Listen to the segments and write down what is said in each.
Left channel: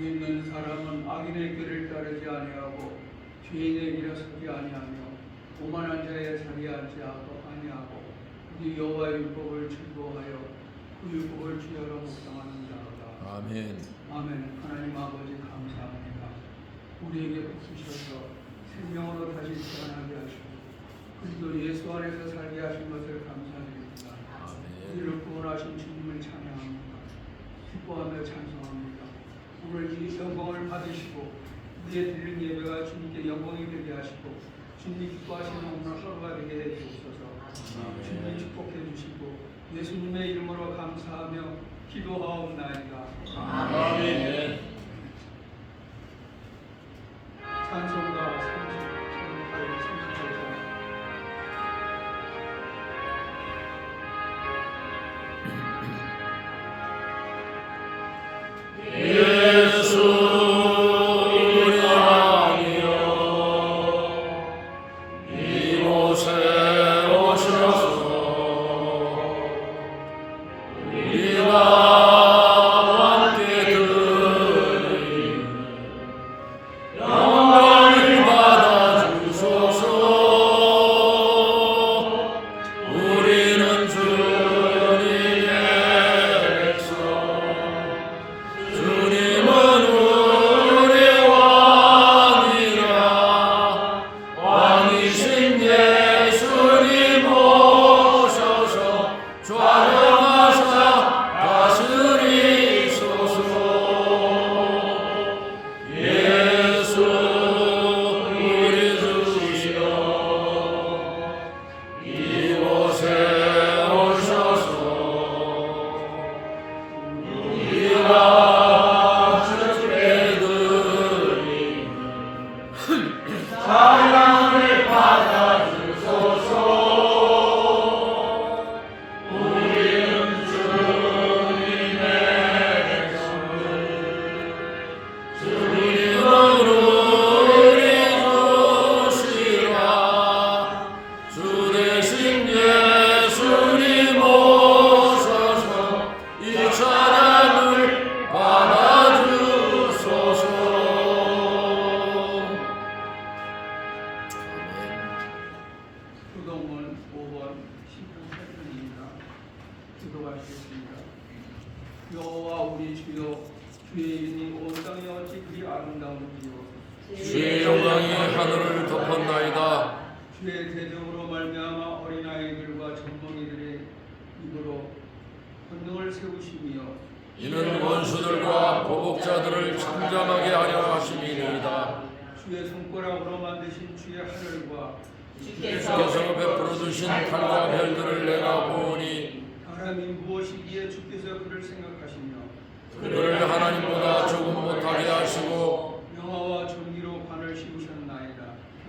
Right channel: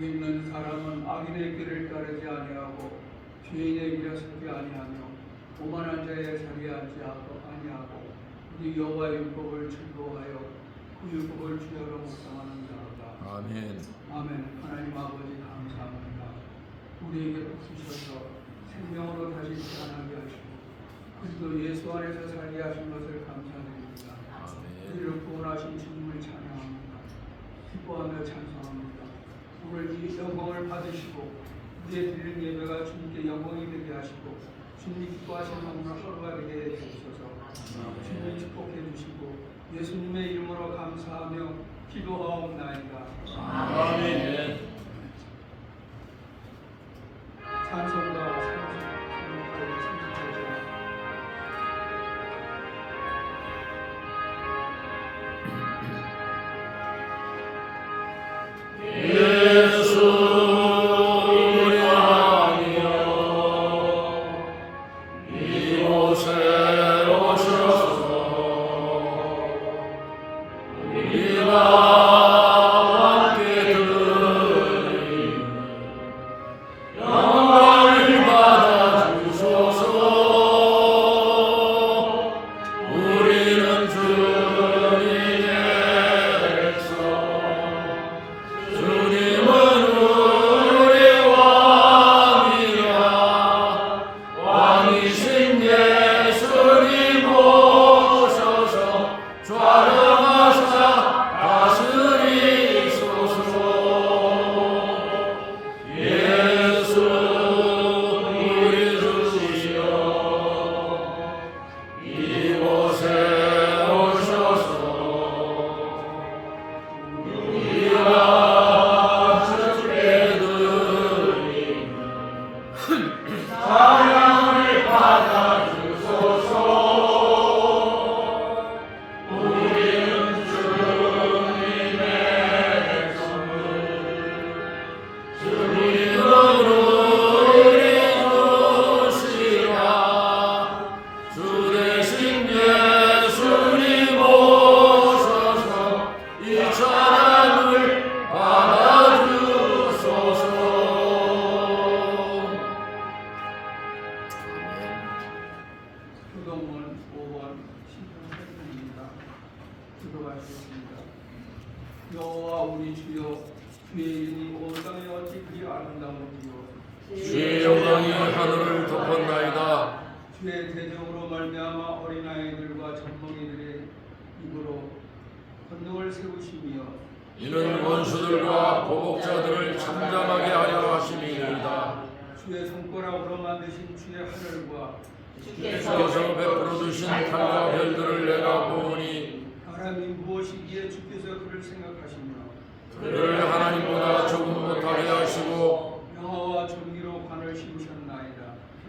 믿는 사람은 악인의 길을 따르지 아니하고 죄인의 길에 서지 아니하며 오만한 자의 자리에 앉지 아니하고 우리 여호와의 율법을 즐거워하여 그 율법을 주야로 묵상하는 자로다. 아멘. 아멘. 하나님 아버지 감사합니다. 우리에게 부수셔서 생명으로 다시 태어나게 하시고 그리고 예수 안에서 살게 하신 것을 감사드립니다. 우리를 구원하신 주님을 찬양합니다. 기뻐하며 찬송합니다. 오늘 이 영광을 받으시고 우리의 드리는 예배가 주님께 영광이 되게 하시고 주님이 기뻐하시는 오늘 하루가 되게 해주셔서 주님이 축복해 주시고 예수님의 이름으로 감사하며 기도하옵나이다. 아멘. 찬송가 30. 이곳에 오셔서 우리 우리가 함께 드리니 영광을 받아 주소서. 우리는 주님의 백성, 주님은 우리 왕이라. 왕이신 예수님 오셔서 좌정하사 다스리소서. 예수 우리 주시여 이곳에 오셔서 우리가 주께 드리는 찬양을 받아주소서. 우리는 주님의 백성들, 주님은 우리 주시라. 주 대신 예수님 오셔서 이 찬양을 받아주소서. 교동문 5번 신경 8편입니다. 기도하시겠습니다. 여호와 우리 주여, 주의 이름이 온 땅에 어찌 그리 아름다운지요. 주의 영광이 하늘을 덮었나이다. 주의 대적으로 말미암아 어린아이들과 전동이들의 입으로 권능을 세우시며 이는 원수들과 보복자들을 잠잠하게 하려 하심이니이다. 주의 손가락으로 만드신 주의 하늘과 주께서 베풀어 주신 달과 별들을 내가 보니 사람이 무엇이기에 주께서 그를 생각하시며 그를 하나님보다 조금 못하게 하시고 영화와 정의로 관을 씌우셨나이다.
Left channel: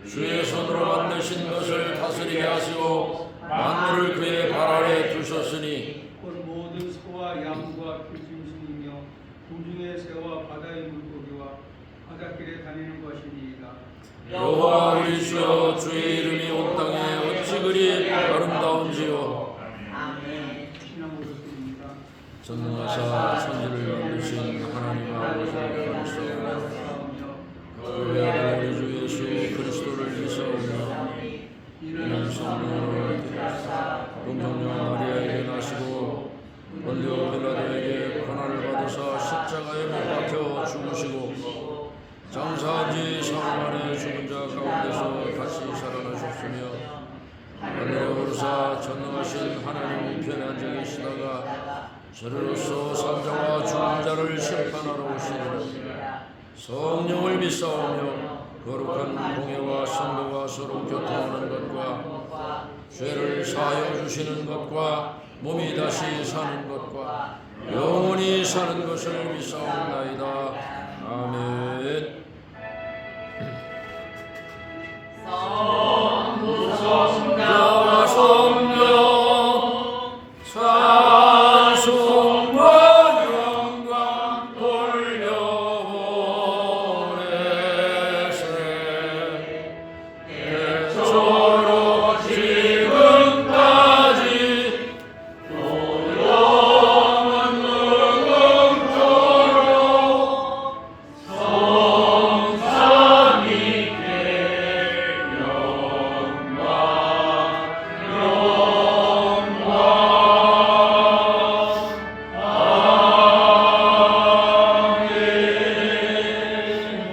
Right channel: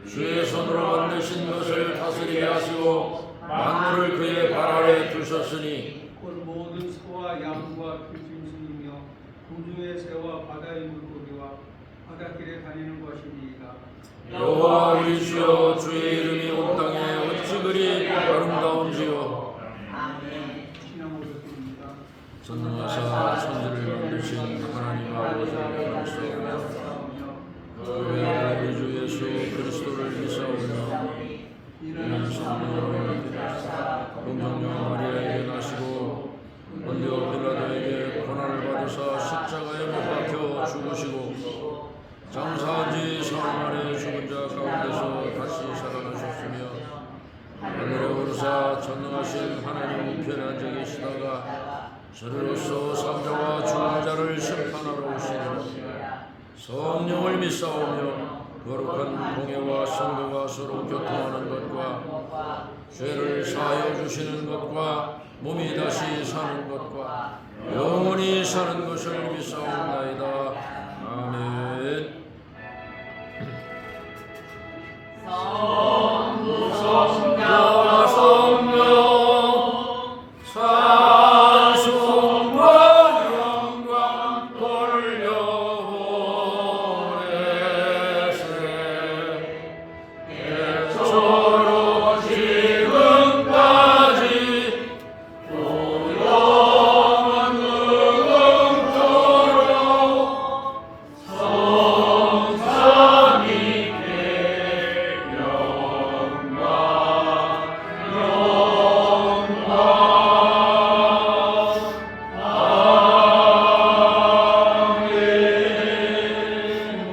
주의 손으로 만드신 것을 다스리게 하시고 만물을 그의 발 아래 두셨으니 곧 모든 소와 양과 들짐승이며 공중의 새와 바다의 물고기와 바닷길에 다니는 것이니이다. 여호와 우리 주여, 주의 이름이 온 땅에 어찌 그리 아름다운지요. 신앙으로 드립니다. 전능하사 천지를 만드신 하나님 아버지를 감사하며 우리 주 예수 그리스도를 믿사오며 이는 성령으로 동정녀 마리아에게 나시고 본디오 빌라도에게 고난을 받으사 십자가에 못 박혀 죽으시고 장사한 지 사흘 만에 죽은 자 가운데서 다시 살아나셨으며 하늘에 오르사 전능하신 하나님 우편에 앉아 계시다가 저리로서 산자와 죽은 자를 심판하러 오시리라. 성령을 믿사오며 거룩한 공예와 성도가 서로 교통하는 것과 죄를 사하여 주시는 것과 몸이 다시 사는 것과 영원히 사는 것을 믿사옵나이다. 아멘. 성부성자와 성령 찬송과 영광 돌려오래세. 예수로 지금까지 또 영원 영원토록 성삼위께 영광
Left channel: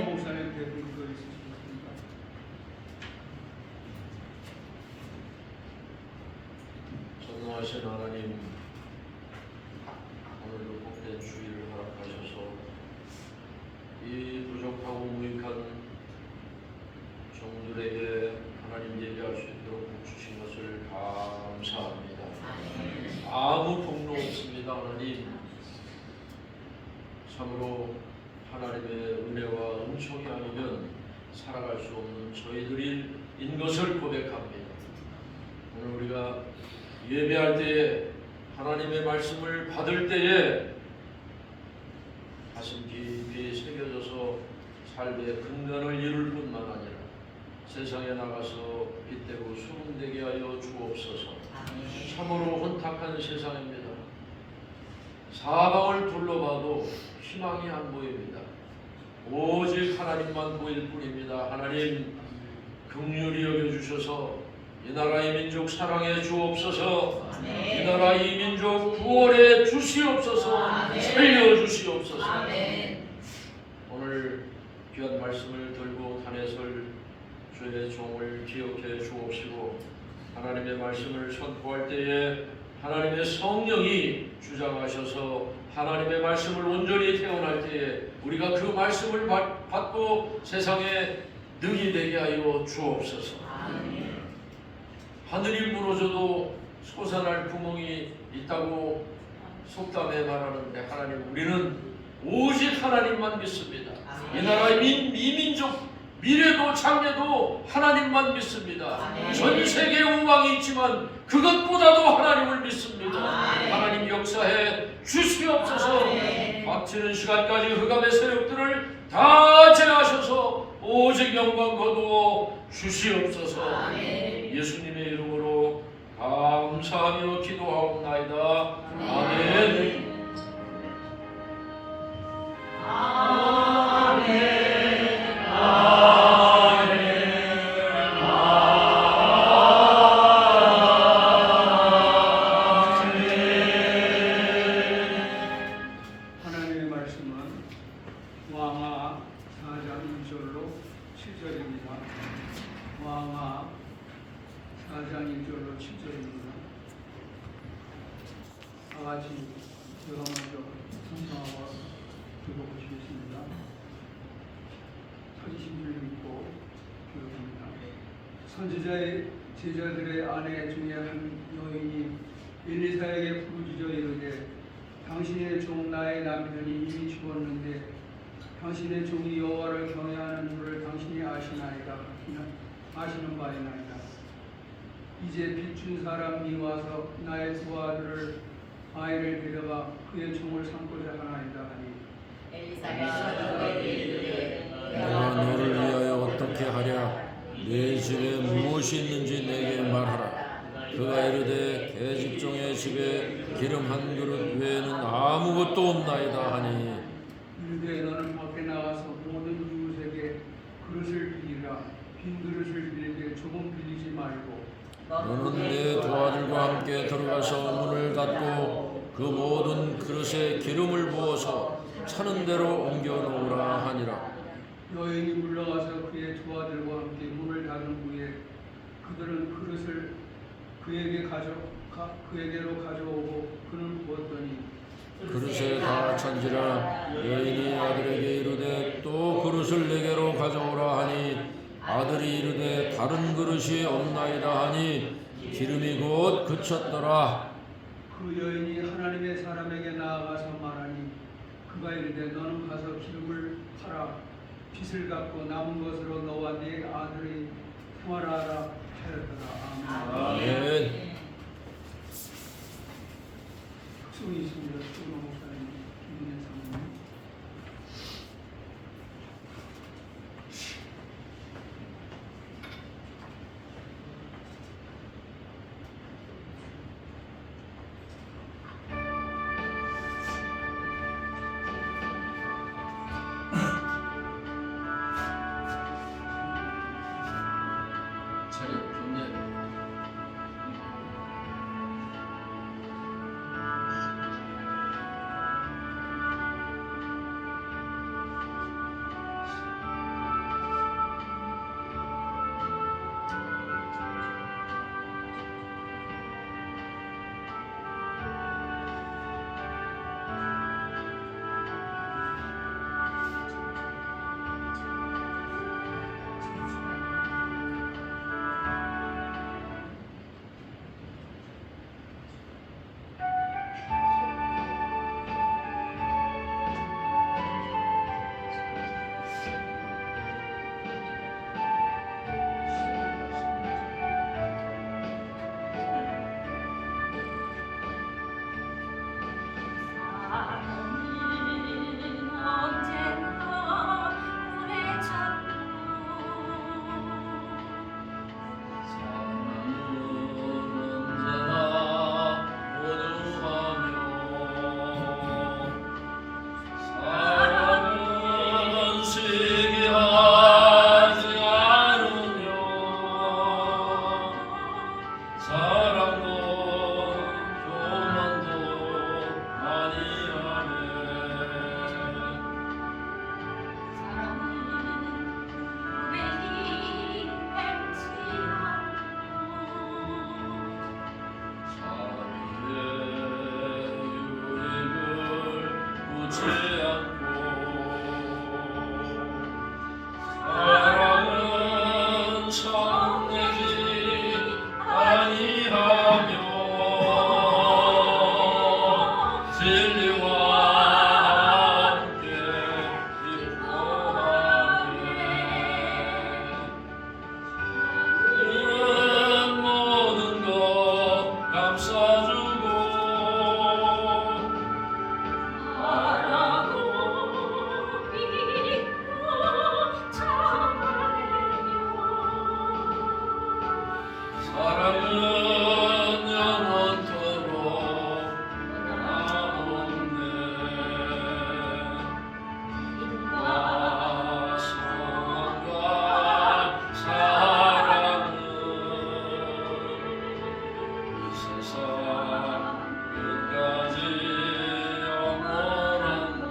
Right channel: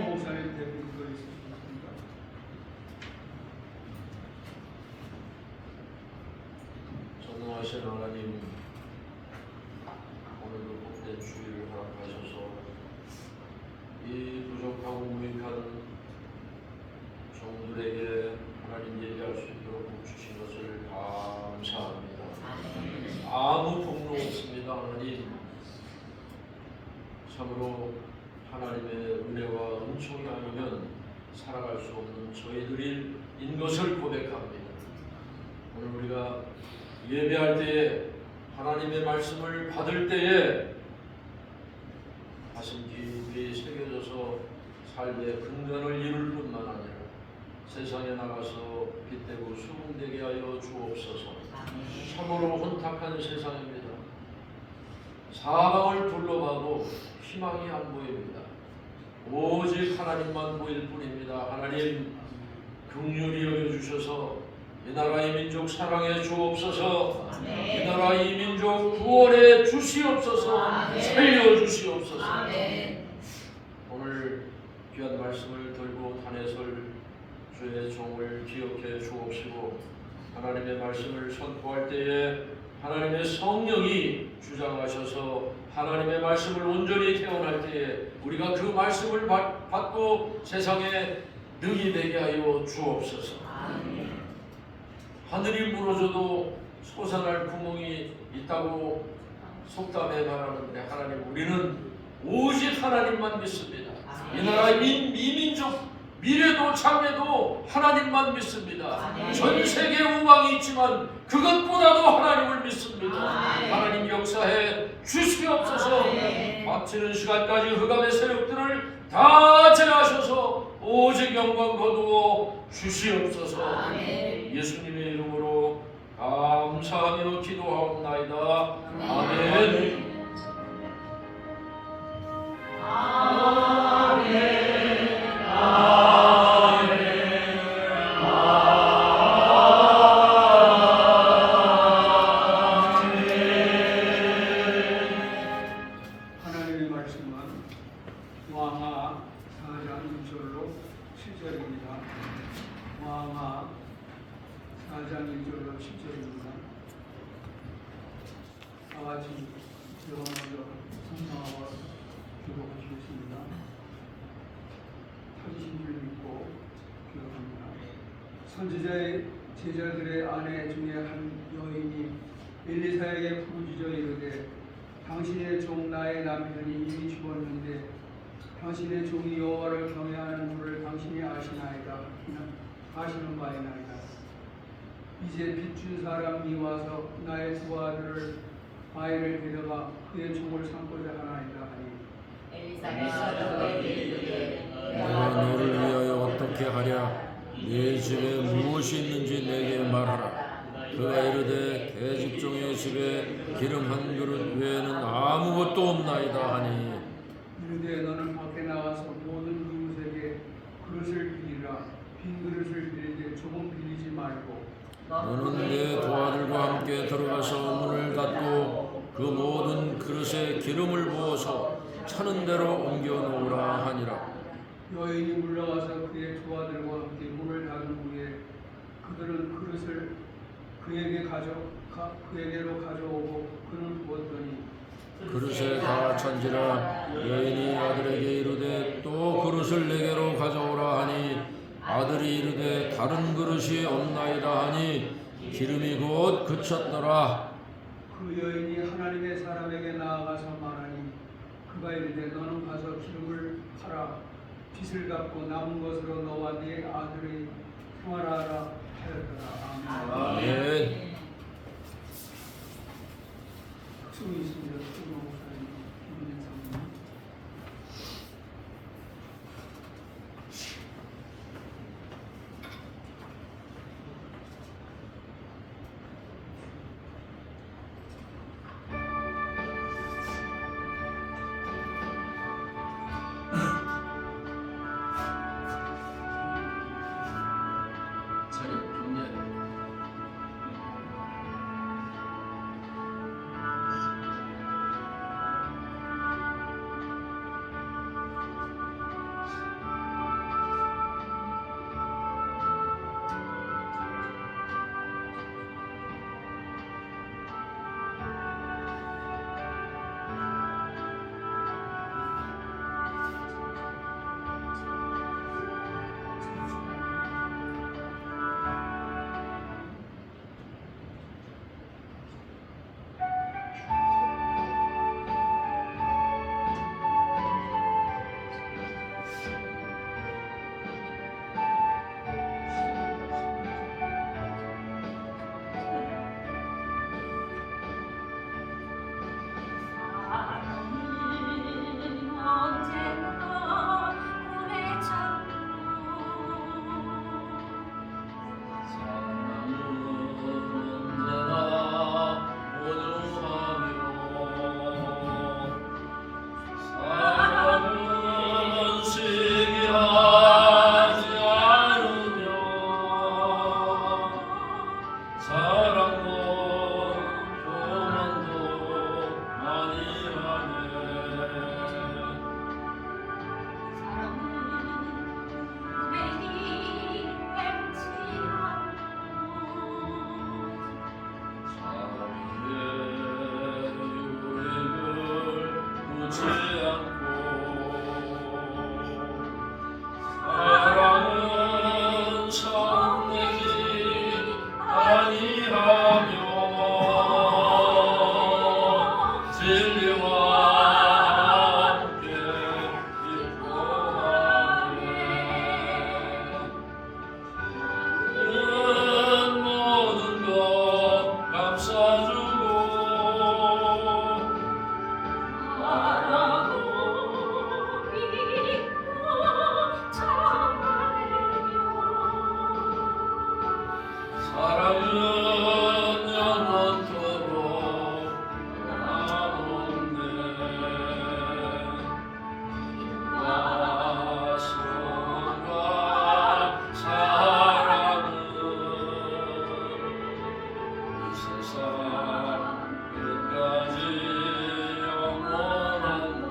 목사님 대표님도 있으셨습니다. 전능하신 하나님, 오늘도 복된 주일을 허락하셔서 이 부족하고 무익한 종들에게 하나님 예배할 수 있도록 복 주신 것을 감사합니다. 아무 폭로 없습니다. 하나님, 참으로 하나님의 은혜와 은총이 아니면 살아갈 수 없는 저희들인 것을 고백합니다. 오늘 우리가 예배할 때에 하나님의 말씀을 받을 때에 가슴 깊이 새겨져서 삶의 근간을 이룰 뿐만 아니라 세상에 나가서 빛되고 수문되게 하여 주옵소서. 참으로 혼탁한 세상입니다. 사방을 둘러봐도 희망이 안 보입니다. 오직 하나님만 보일 뿐입니다. 하나님 긍휼히 여겨주셔서 이 나라 이 민족 사랑해 주옵소서. 이 나라 이 민족 구원해 주시옵소서. 살려 주시옵소서. 오늘 귀한 말씀을 들고 단에설 주의 종을 기억해 주옵시고 하나님의 말씀을 선포할 때에 하나님의 성령이 주장하셔서 하나님의 말씀을 온전히 태어날 때에 우리가 그 말씀을 받고 세상에 능히 되게 하여 주옵소서. 하늘이 무너져도 솟아날 구멍이 있다고 속담에 말하는데 하나님 우리는 오직 하나님만 믿습니다. 이 나라의 민족 미래도 장래도 하나님만 믿습니다. 전 세계에 우방이 있지만 그것보다도 하나님을 믿습니다. 하나님 역사해 주시옵소서. 막히는 시간까지 흑암의 세력들을 다 제하셔서 오직 영광 거두어 주시옵소서. 예수님의 이름으로 감사하며 기도하옵나이다. 아멘. 하나님의 말씀은 왕하 4장 1절로 7절입니다. 왕하 4장 1절로 7절입니다. 다같이 제가 먼저 성경하고 기도하시겠습니다. 찾으신 줄 믿고 기도합니다. 선지자의 제자들의 아내 중에 한 여인이 엘리사에게 부르짖어 이르되 당신의 종 나의 남편이 이미 죽었는데 당신의 종이 여호와를 경외하는 물을 당신이 아시나이다. 아시는 바이나이다. 이제 빚준 사람이 와서 나의 두 아이를 데려가 그의 종을 삼고자 하나이다 하니 내가 너를 위하여 어떻게 하랴? 네 집에 무엇이 있는지 내게 말하라. 그가 이르되 계집종의 집에 기름 한 그릇 외에는 아무것도 없나이다 하니 이르되 너는 밖에 나가서 모든 이웃에게 그릇을 빌리라. 빈 그릇을 빌리되 조금 빌리지 말고 너는 내 두 아들과 함께 들어가서 문을 닫고 그 모든 그릇에 기름을 부어서 차는 대로 옮겨 놓으라 하니라. 여인이 물러가서 그의 두 아들과 함께 문을 닫은 후에 그들은 그릇을 그에게로 가져오고 그는 부었더니 그릇에 다 찬지라. 여인이 아들에게 이르되 또 그릇을 내게로 가져오라 하니 아들이 이르되 다른 그릇이 없나이다 하니 기름이 곧 그쳤더라. 그 여인이 하나님의 사람에게 나아가서 말하니 그가 이르되 너는 가서 기름을 팔아 빚을 갚고 남은 것으로 너와 네 아들이 생활하라 하였더라. 아멘. 아멘. 특성이 있습니다. 특성 목사님, 김은혜 사모님. 변치 않고 사랑은 성내지 아니하며 진리와 함께 기뻐하네. 모든 것 감싸주고 사랑은 영원토록 변함없네. 믿음과 소망과 사랑은 이 세상 끝까지 영원한 것.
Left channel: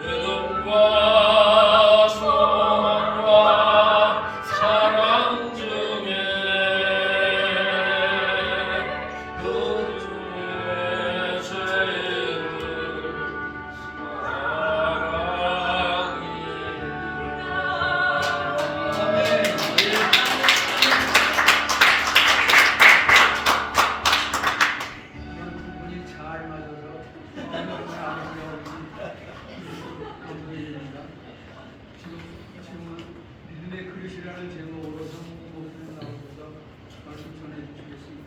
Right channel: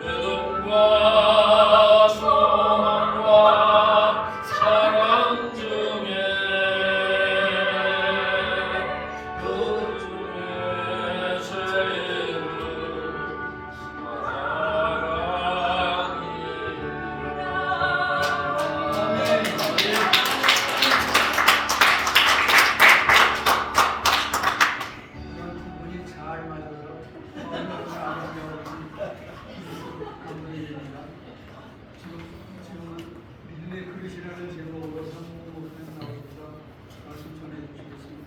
믿음과 소망과 사랑 중에 그 중에 제일은 부분이 잘 맞아서 감사드립니다. 지금 믿음의 그릇이라는 제목으로 한국 목사님 나오셔서 말씀 전해주시겠습니다.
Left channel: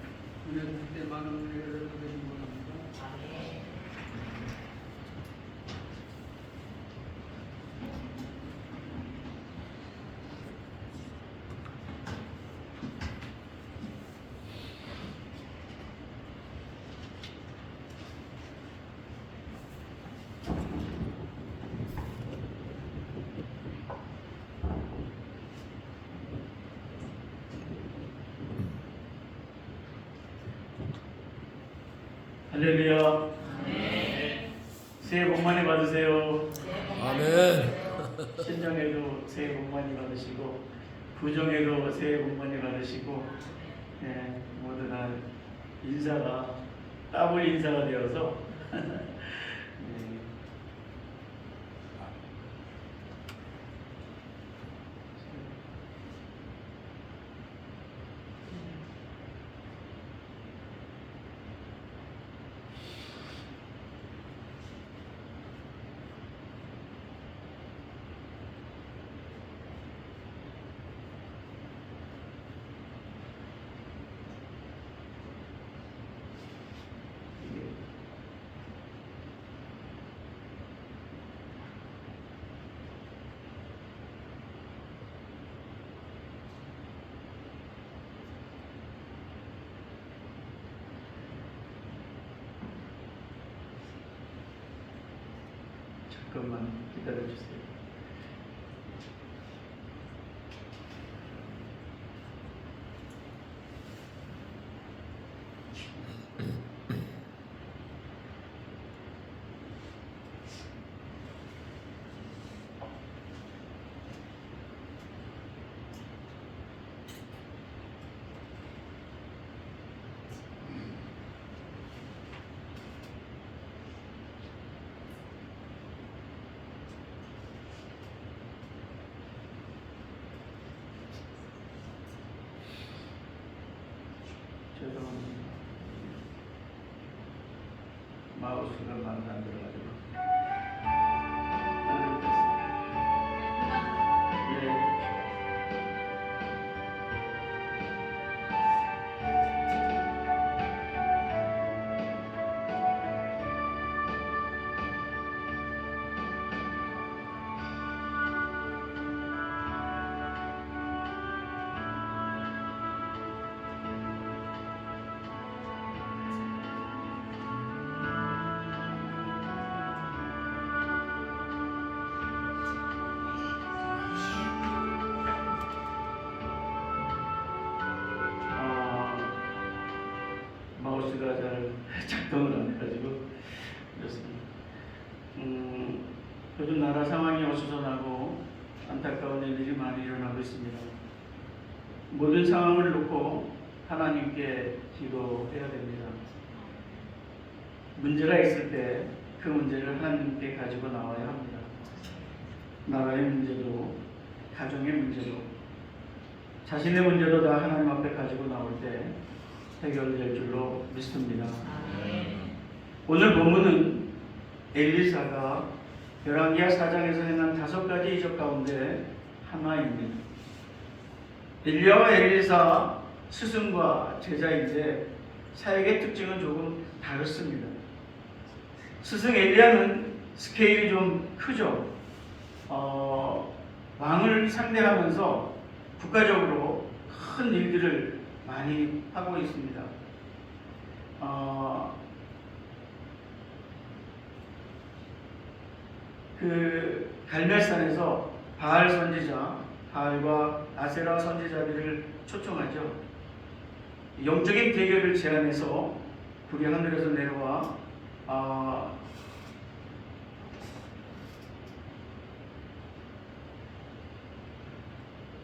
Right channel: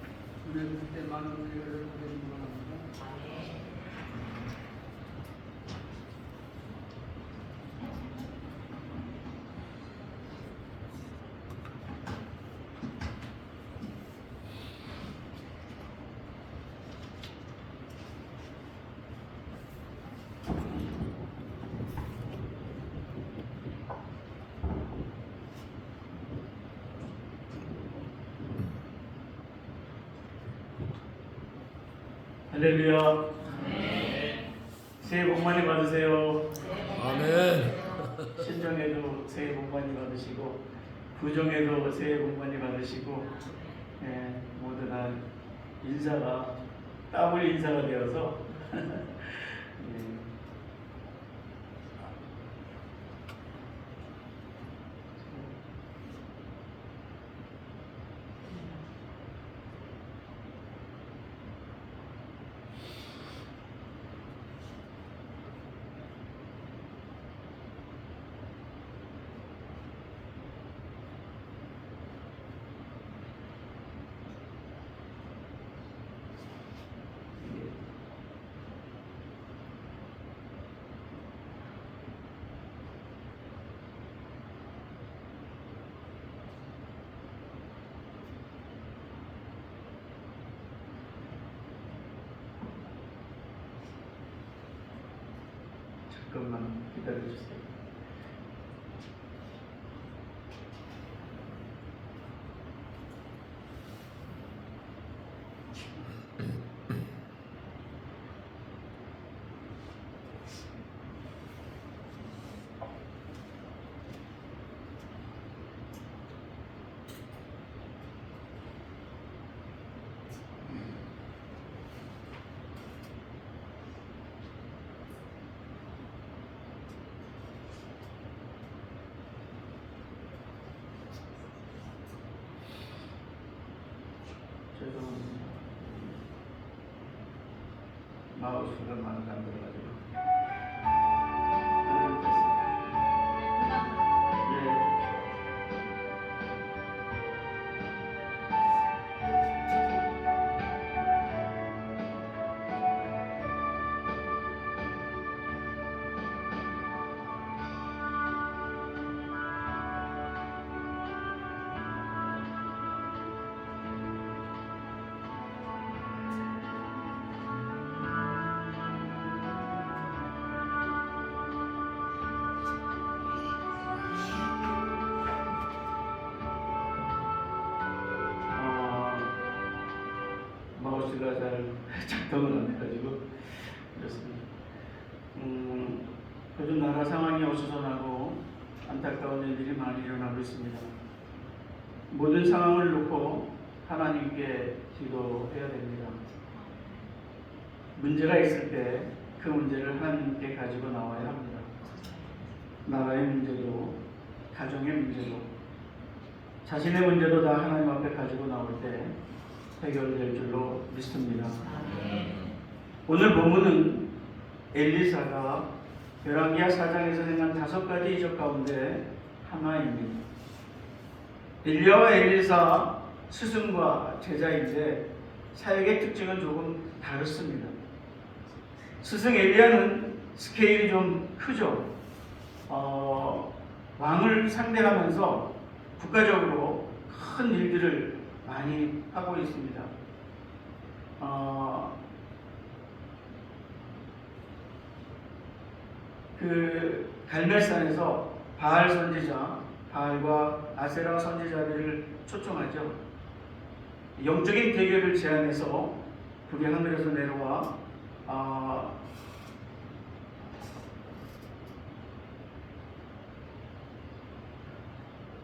은혜 받을 때 많은 은혜를 보내주기 원합니다. 할렐루야. 새해 복 많이 받으세요. 아멘. 신정에도 새해 복 많이 받으시고 부정에도 새해 복 많이 받으시고 모두 다 인사가 더블 인사가 되어서 잠깐만 기다려주세요. 죄송합니다. 마우스가 마음에 안 들어가지고. 하나님 마우스가 잘 작동을 안 해가지고 그렇습니다. 요즘 나라 상황이 어수선하고 안타까운 일들이 많이 일어나고 있습니다. 모든 상황을 놓고 하나님께 기도해야 됩니다. 문제가 있을 때 그 문제를 하나님께 가지고 나와야 합니다. 나라의 문제도 가정의 문제도 자신의 문제도 다 하나님 앞에 가지고 나올 때 해결될 줄로 믿습니다. 오늘 본문은 엘리사가 열왕기하 4장에서 행한 5가지 이적 가운데 하나입니다. 엘리야와 엘리사 스승과 제자인데 사역의 특징은 조금 다릅니다. 스승 엘리야는 스케일이 좀 크죠. 왕을 상대하면서 국가적으로 큰 일들을 많이 하고 있습니다. 그 갈멜산에서 바알 선지자, 바알과 아세라 선지자들을 초청하죠. 영적인 대결을 제안해서 불이 하늘에서 내려와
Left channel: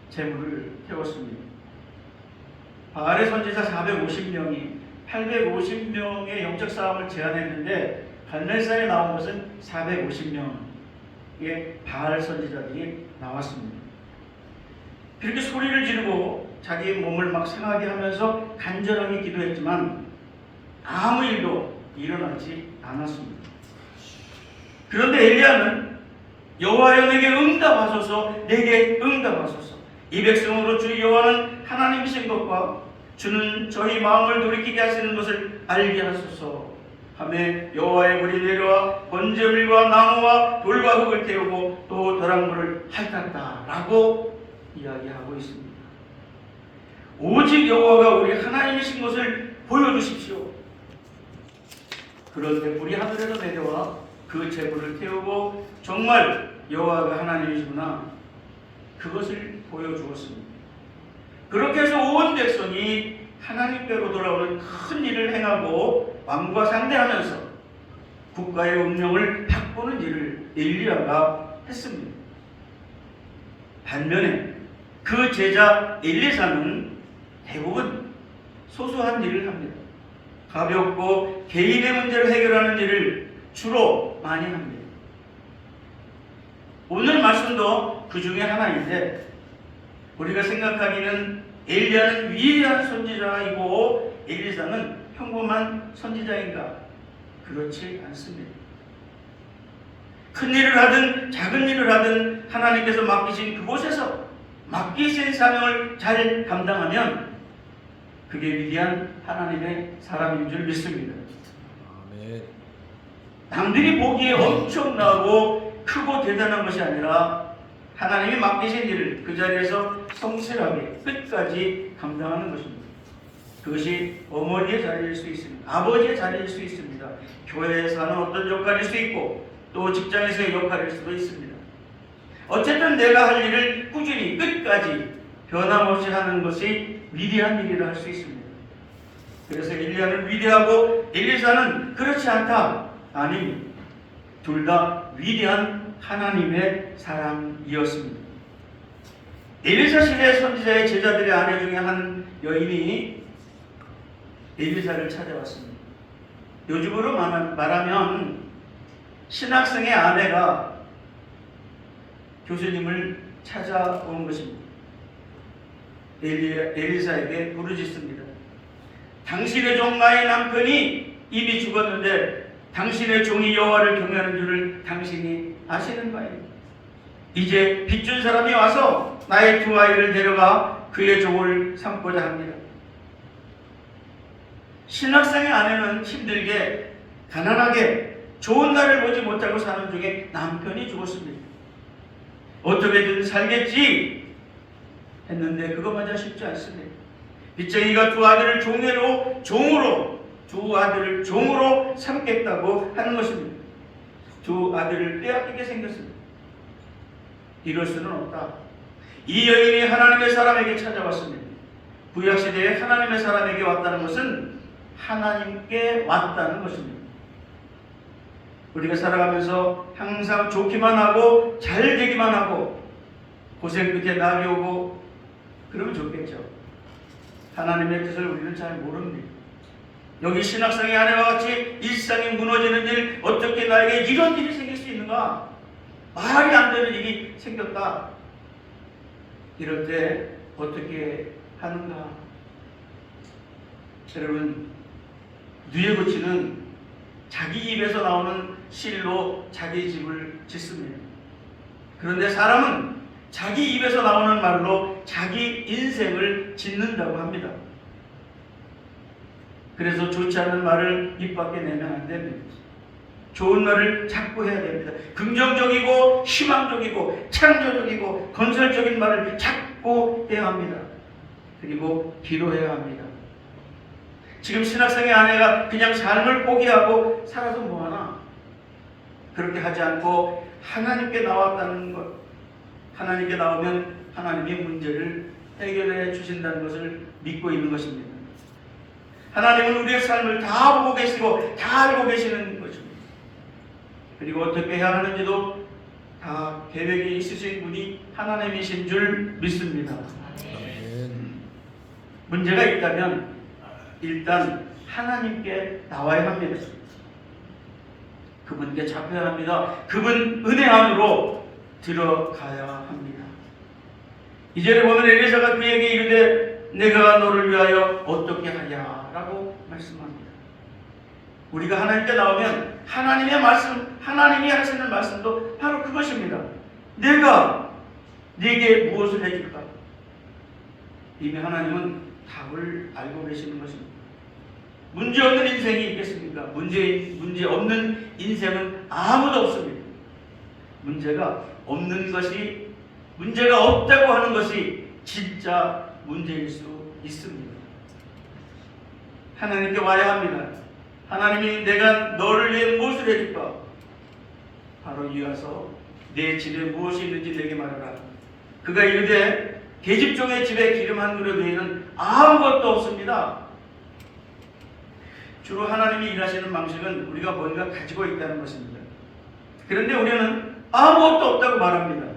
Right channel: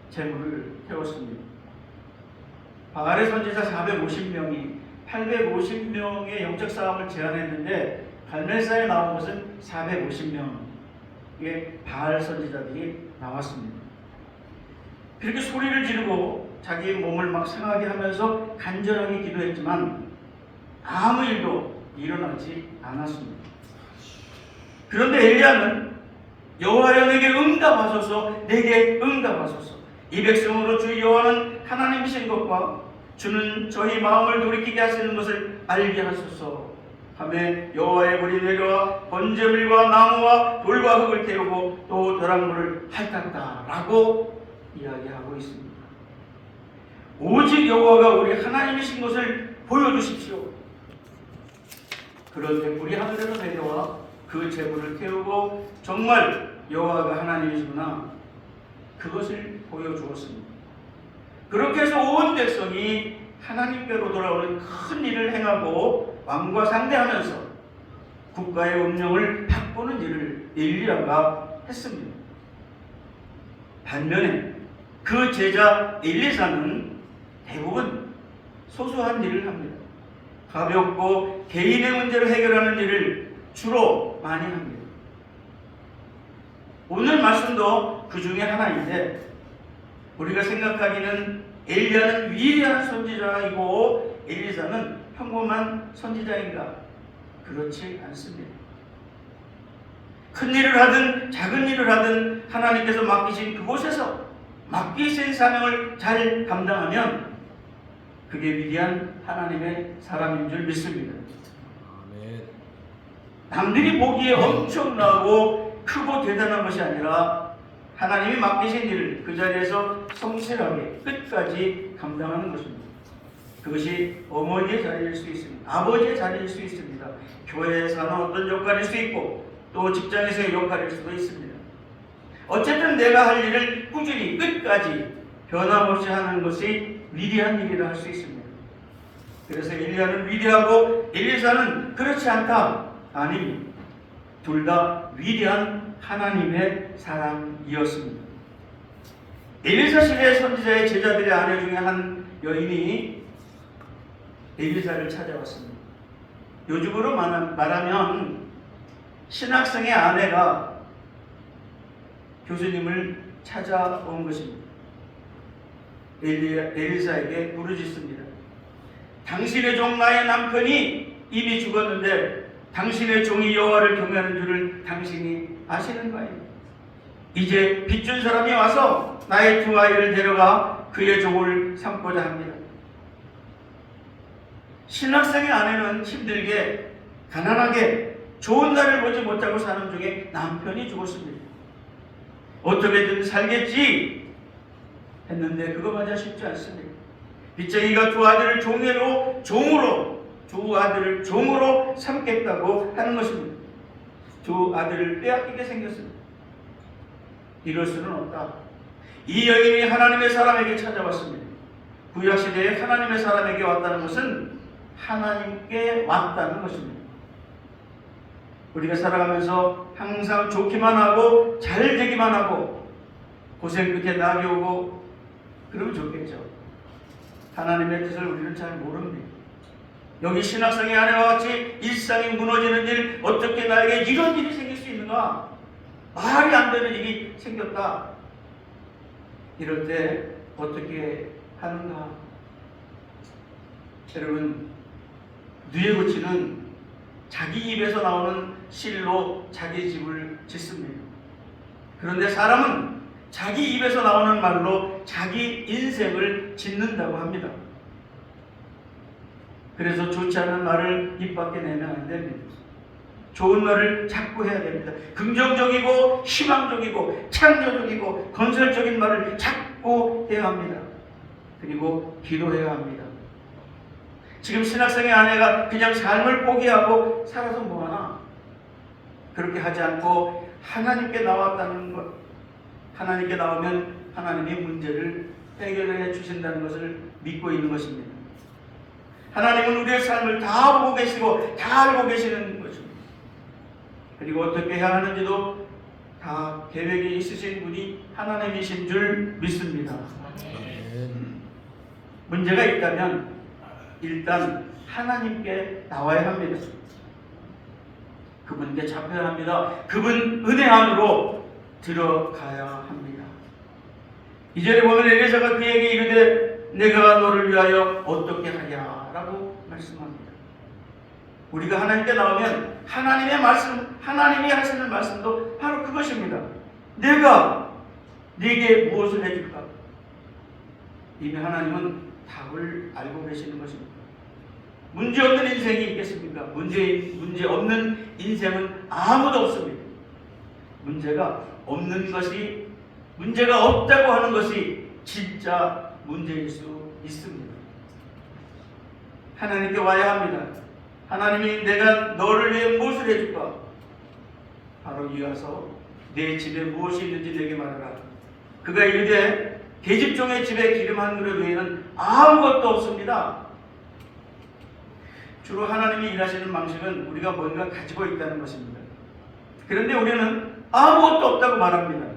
재물을 태웠습니다. 바알의 선지자 450명이 850명의 영적 싸움을 제안했는데 갈멜산에 나온 것은 450명의 바알 선지자들이 나왔습니다. 그렇게 소리를 지르고 자기의 몸을 막 상하게 하면서 간절하게 기도했지만 아무 일도 일어나지 않았습니다. 그런데 엘리야는 여호와여 내게 응답하소서, 내게 응답하소서. 이 백성으로 주 여호와는 하나님이신 것과 주는 저희 마음을 돌이키게 하시는 것을 알게 하소서 하며 여호와의 불이 내려와 번제물과 나무와 돌과 흙을 태우고 또 벼락물을 핥았다라고 이야기하고 있습니다. 오직 여호와가 우리 하나님이신 것을 보여주십시오. 그런데 불이 하늘에서 내려와 그 제물을 태우고 정말 여호와가 하나님이시구나, 그것을 보여주었습니다. 그렇게 해서 온 백성이 하나님께로 돌아오는 큰 일을 행하고 왕과 상대하면서 국가의 운명을 바꾸는 일을 엘리야가 했습니다. 반면에 그 제자 엘리사는 대부분 소소한 일을 합니다. 가볍고 개인의 문제를 해결하는 일을 주로 많이 합니다. 오늘 말씀도 그 중에 하나인데 우리가 생각하기는 엘리야는 위대한 선지자이고 엘리사는 평범한 선지자인가? 그렇지 않습니다. 큰 일을 하든 작은 일을 하든 하나님께서 맡기신 그곳에서 맡기신 사명을 잘 감당하면 그게 위대한 하나님의 사람인 줄 믿습니다. 아멘. 남들이 보기에 엄청나고 크고 대단한 것이 아니라 하나님이 맡기신 일을 그 자리에서 성실하게 끝까지 감당하는 것입니다. 그것이 어머니의 자리일 수 있습니다. 아버지의 자리일 수 있습니다. 교회에서 하는 어떤 역할일 수 있고 또 직장에서의 역할일 수도 있습니다. 어쨌든 내가 할 일을 꾸준히 끝까지 변함없이 하는 것이 위대한 일이라 할 수 있습니다. 그래서 엘리야는 위대하고 엘리사는 그렇지 않다. 아닙니다. 둘 다 위대한 하나님의 사람이었습니다. 엘리사 시대 선지자의 제자들의 아내 중에 한 여인이 엘리사를 찾아왔습니다. 요즘으로 말하면 신학생의 아내가 교수님을 찾아온 것입니다. 엘리사에게 부르짖습니다. 당신의 종 나의 남편이 이미 죽었는데 당신의 종이 여호와를 경외하는 줄을 당신이 아시는 바입니다. 이제 빚준 사람이 와서 나의 두 아이를 데려가 그의 종을 삼고자 합니다. 신학생의 아내는 힘들게 가난하게 좋은 날을 보지 못하고 사는 중에 남편이 죽었습니다. 어떻게든 살겠지 했는데 그것마저 쉽지 않습니다. 빚쟁이가 두 아들을 종으로 삼겠다고 하는 것입니다. 두 아들을 빼앗기게 생겼습니다. 이럴 수는 없다. 이 여인이 하나님의 사람에게 찾아왔습니다. 구약시대에 하나님의 사람에게 왔다는 것은 하나님께 왔다는 것입니다. 우리가 살아가면서 항상 좋기만 하고 잘 되기만 하고 고생 끝에 낙이 오고 그러면 좋겠죠. 하나님의 뜻을 우리는 잘 모릅니다. 여기 신학생의 아내와 같이 일상이 무너지는 일, 어떻게 나에게 이런 일이 생길 수 있는가? 말이 안 되는 일이 생겼다. 이럴 때 어떻게 하는가? 여러분, 누에고치는 자기 입에서 나오는 실로 자기 집을 짓습니다. 그런데 사람은 자기 입에서 나오는 말로 자기 인생을 짓는다고 합니다. 그래서 좋지 않은 말을 입 밖에 내면 안 됩니다. 좋은 말을 자꾸 해야 됩니다. 긍정적이고 희망적이고 창조적이고 건설적인 말을 자꾸 해야 합니다. 그리고 기도해야 합니다. 지금 신학생의 아내가 그냥 삶을 포기하고 살아서 뭐하나? 그렇게 하지 않고 하나님께 나왔다는 것, 하나님께 나오면 하나님이 문제를 해결해 주신다는 것을 믿고 있는 것입니다. 하나님은 우리의 삶을 다 보고 계시고 다 알고 계시는 것입니다. 그리고 어떻게 해야 하는지도 다 계획이 있으신 분이 하나님이신 줄 믿습니다. 문제가 있다면 일단 하나님께 나와야 합니다. 그분께 잡혀야 합니다. 그분 은혜 안으로 들어가야 합니다. 이절에 보면 엘리사가 그에게 이르되 내가 너를 위하여 어떻게 하냐 라고 말씀합니다. 우리가 하나님께 나오면 하나님의 말씀, 하나님이 하시는 말씀도 바로 그것입니다. 내가 네게 무엇을 해줄까? 이미 하나님은 답을 알고 계시는 것입니다. 문제 없는 인생이 있겠습니까? 문제 없는 인생은 아무도 없습니다. 문제가 없는 것이, 문제가 없다고 하는 것이 진짜 문제일 수 있습니다. 하나님께 와야 합니다. 하나님이 내가 너를 위해 무엇을 해줄까? 바로 이 와서 내 집에 무엇이 있는지 내게 말하라. 그가 이르되 계집종의 집에 기름 한 그릇 외에는 아무것도 없습니다. 주로 하나님이 일하시는 방식은 우리가 뭔가 가지고 있다는 것입니다. 그런데 우리는 아무것도 없다고 말합니다.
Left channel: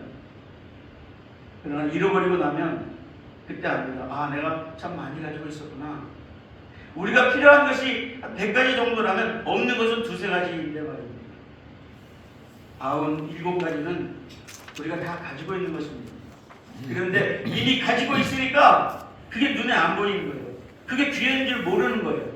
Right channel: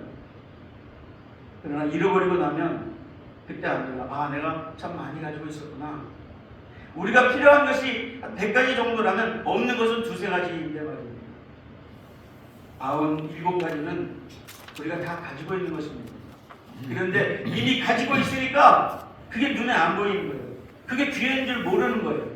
그러나 잃어버리고 나면 그때 압니다. 아, 내가 참 많이 가지고 있었구나. 우리가 필요한 것이 100가지 정도라면 없는 것은 2-3가지인데 말입니다. 97가지는 우리가 다 가지고 있는 것입니다. 그런데 이미 가지고 있으니까 그게 눈에 안 보이는 거예요. 그게 귀한 줄 모르는 거예요.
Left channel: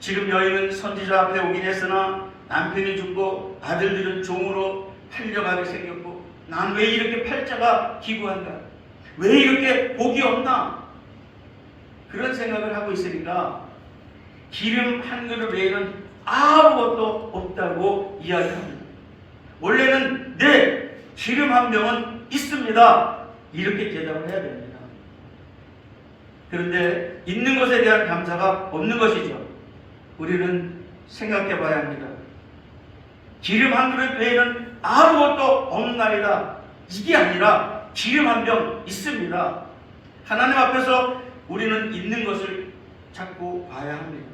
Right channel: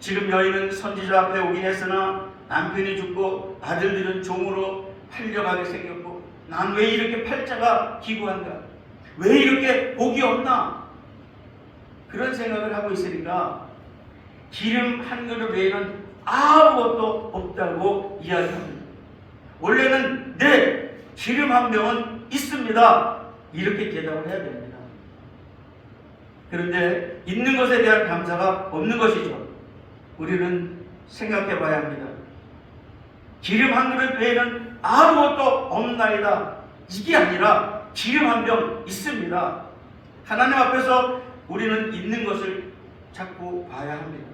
지금 여인은 선지자 앞에 오긴 했으나 남편이 죽고 아들들은 종으로 팔려가게 생겼고 난 왜 이렇게 팔자가 기구한가? 왜 이렇게 복이 없나? 그런 생각을 하고 있으니까 기름 한 그릇 외에는 아무것도 없다고 이야기합니다. 원래는 네, 기름 한 병은 있습니다. 이렇게 대답을 해야 됩니다. 그런데 있는 것에 대한 감사가 없는 것이죠. 우리는 생각해 봐야 합니다. 기름 한 그릇 외에는 아무것도 없나이다. 이게 아니라 기름 한 병 있습니다. 하나님 앞에서 우리는 있는 것을 자꾸 봐야 합니다.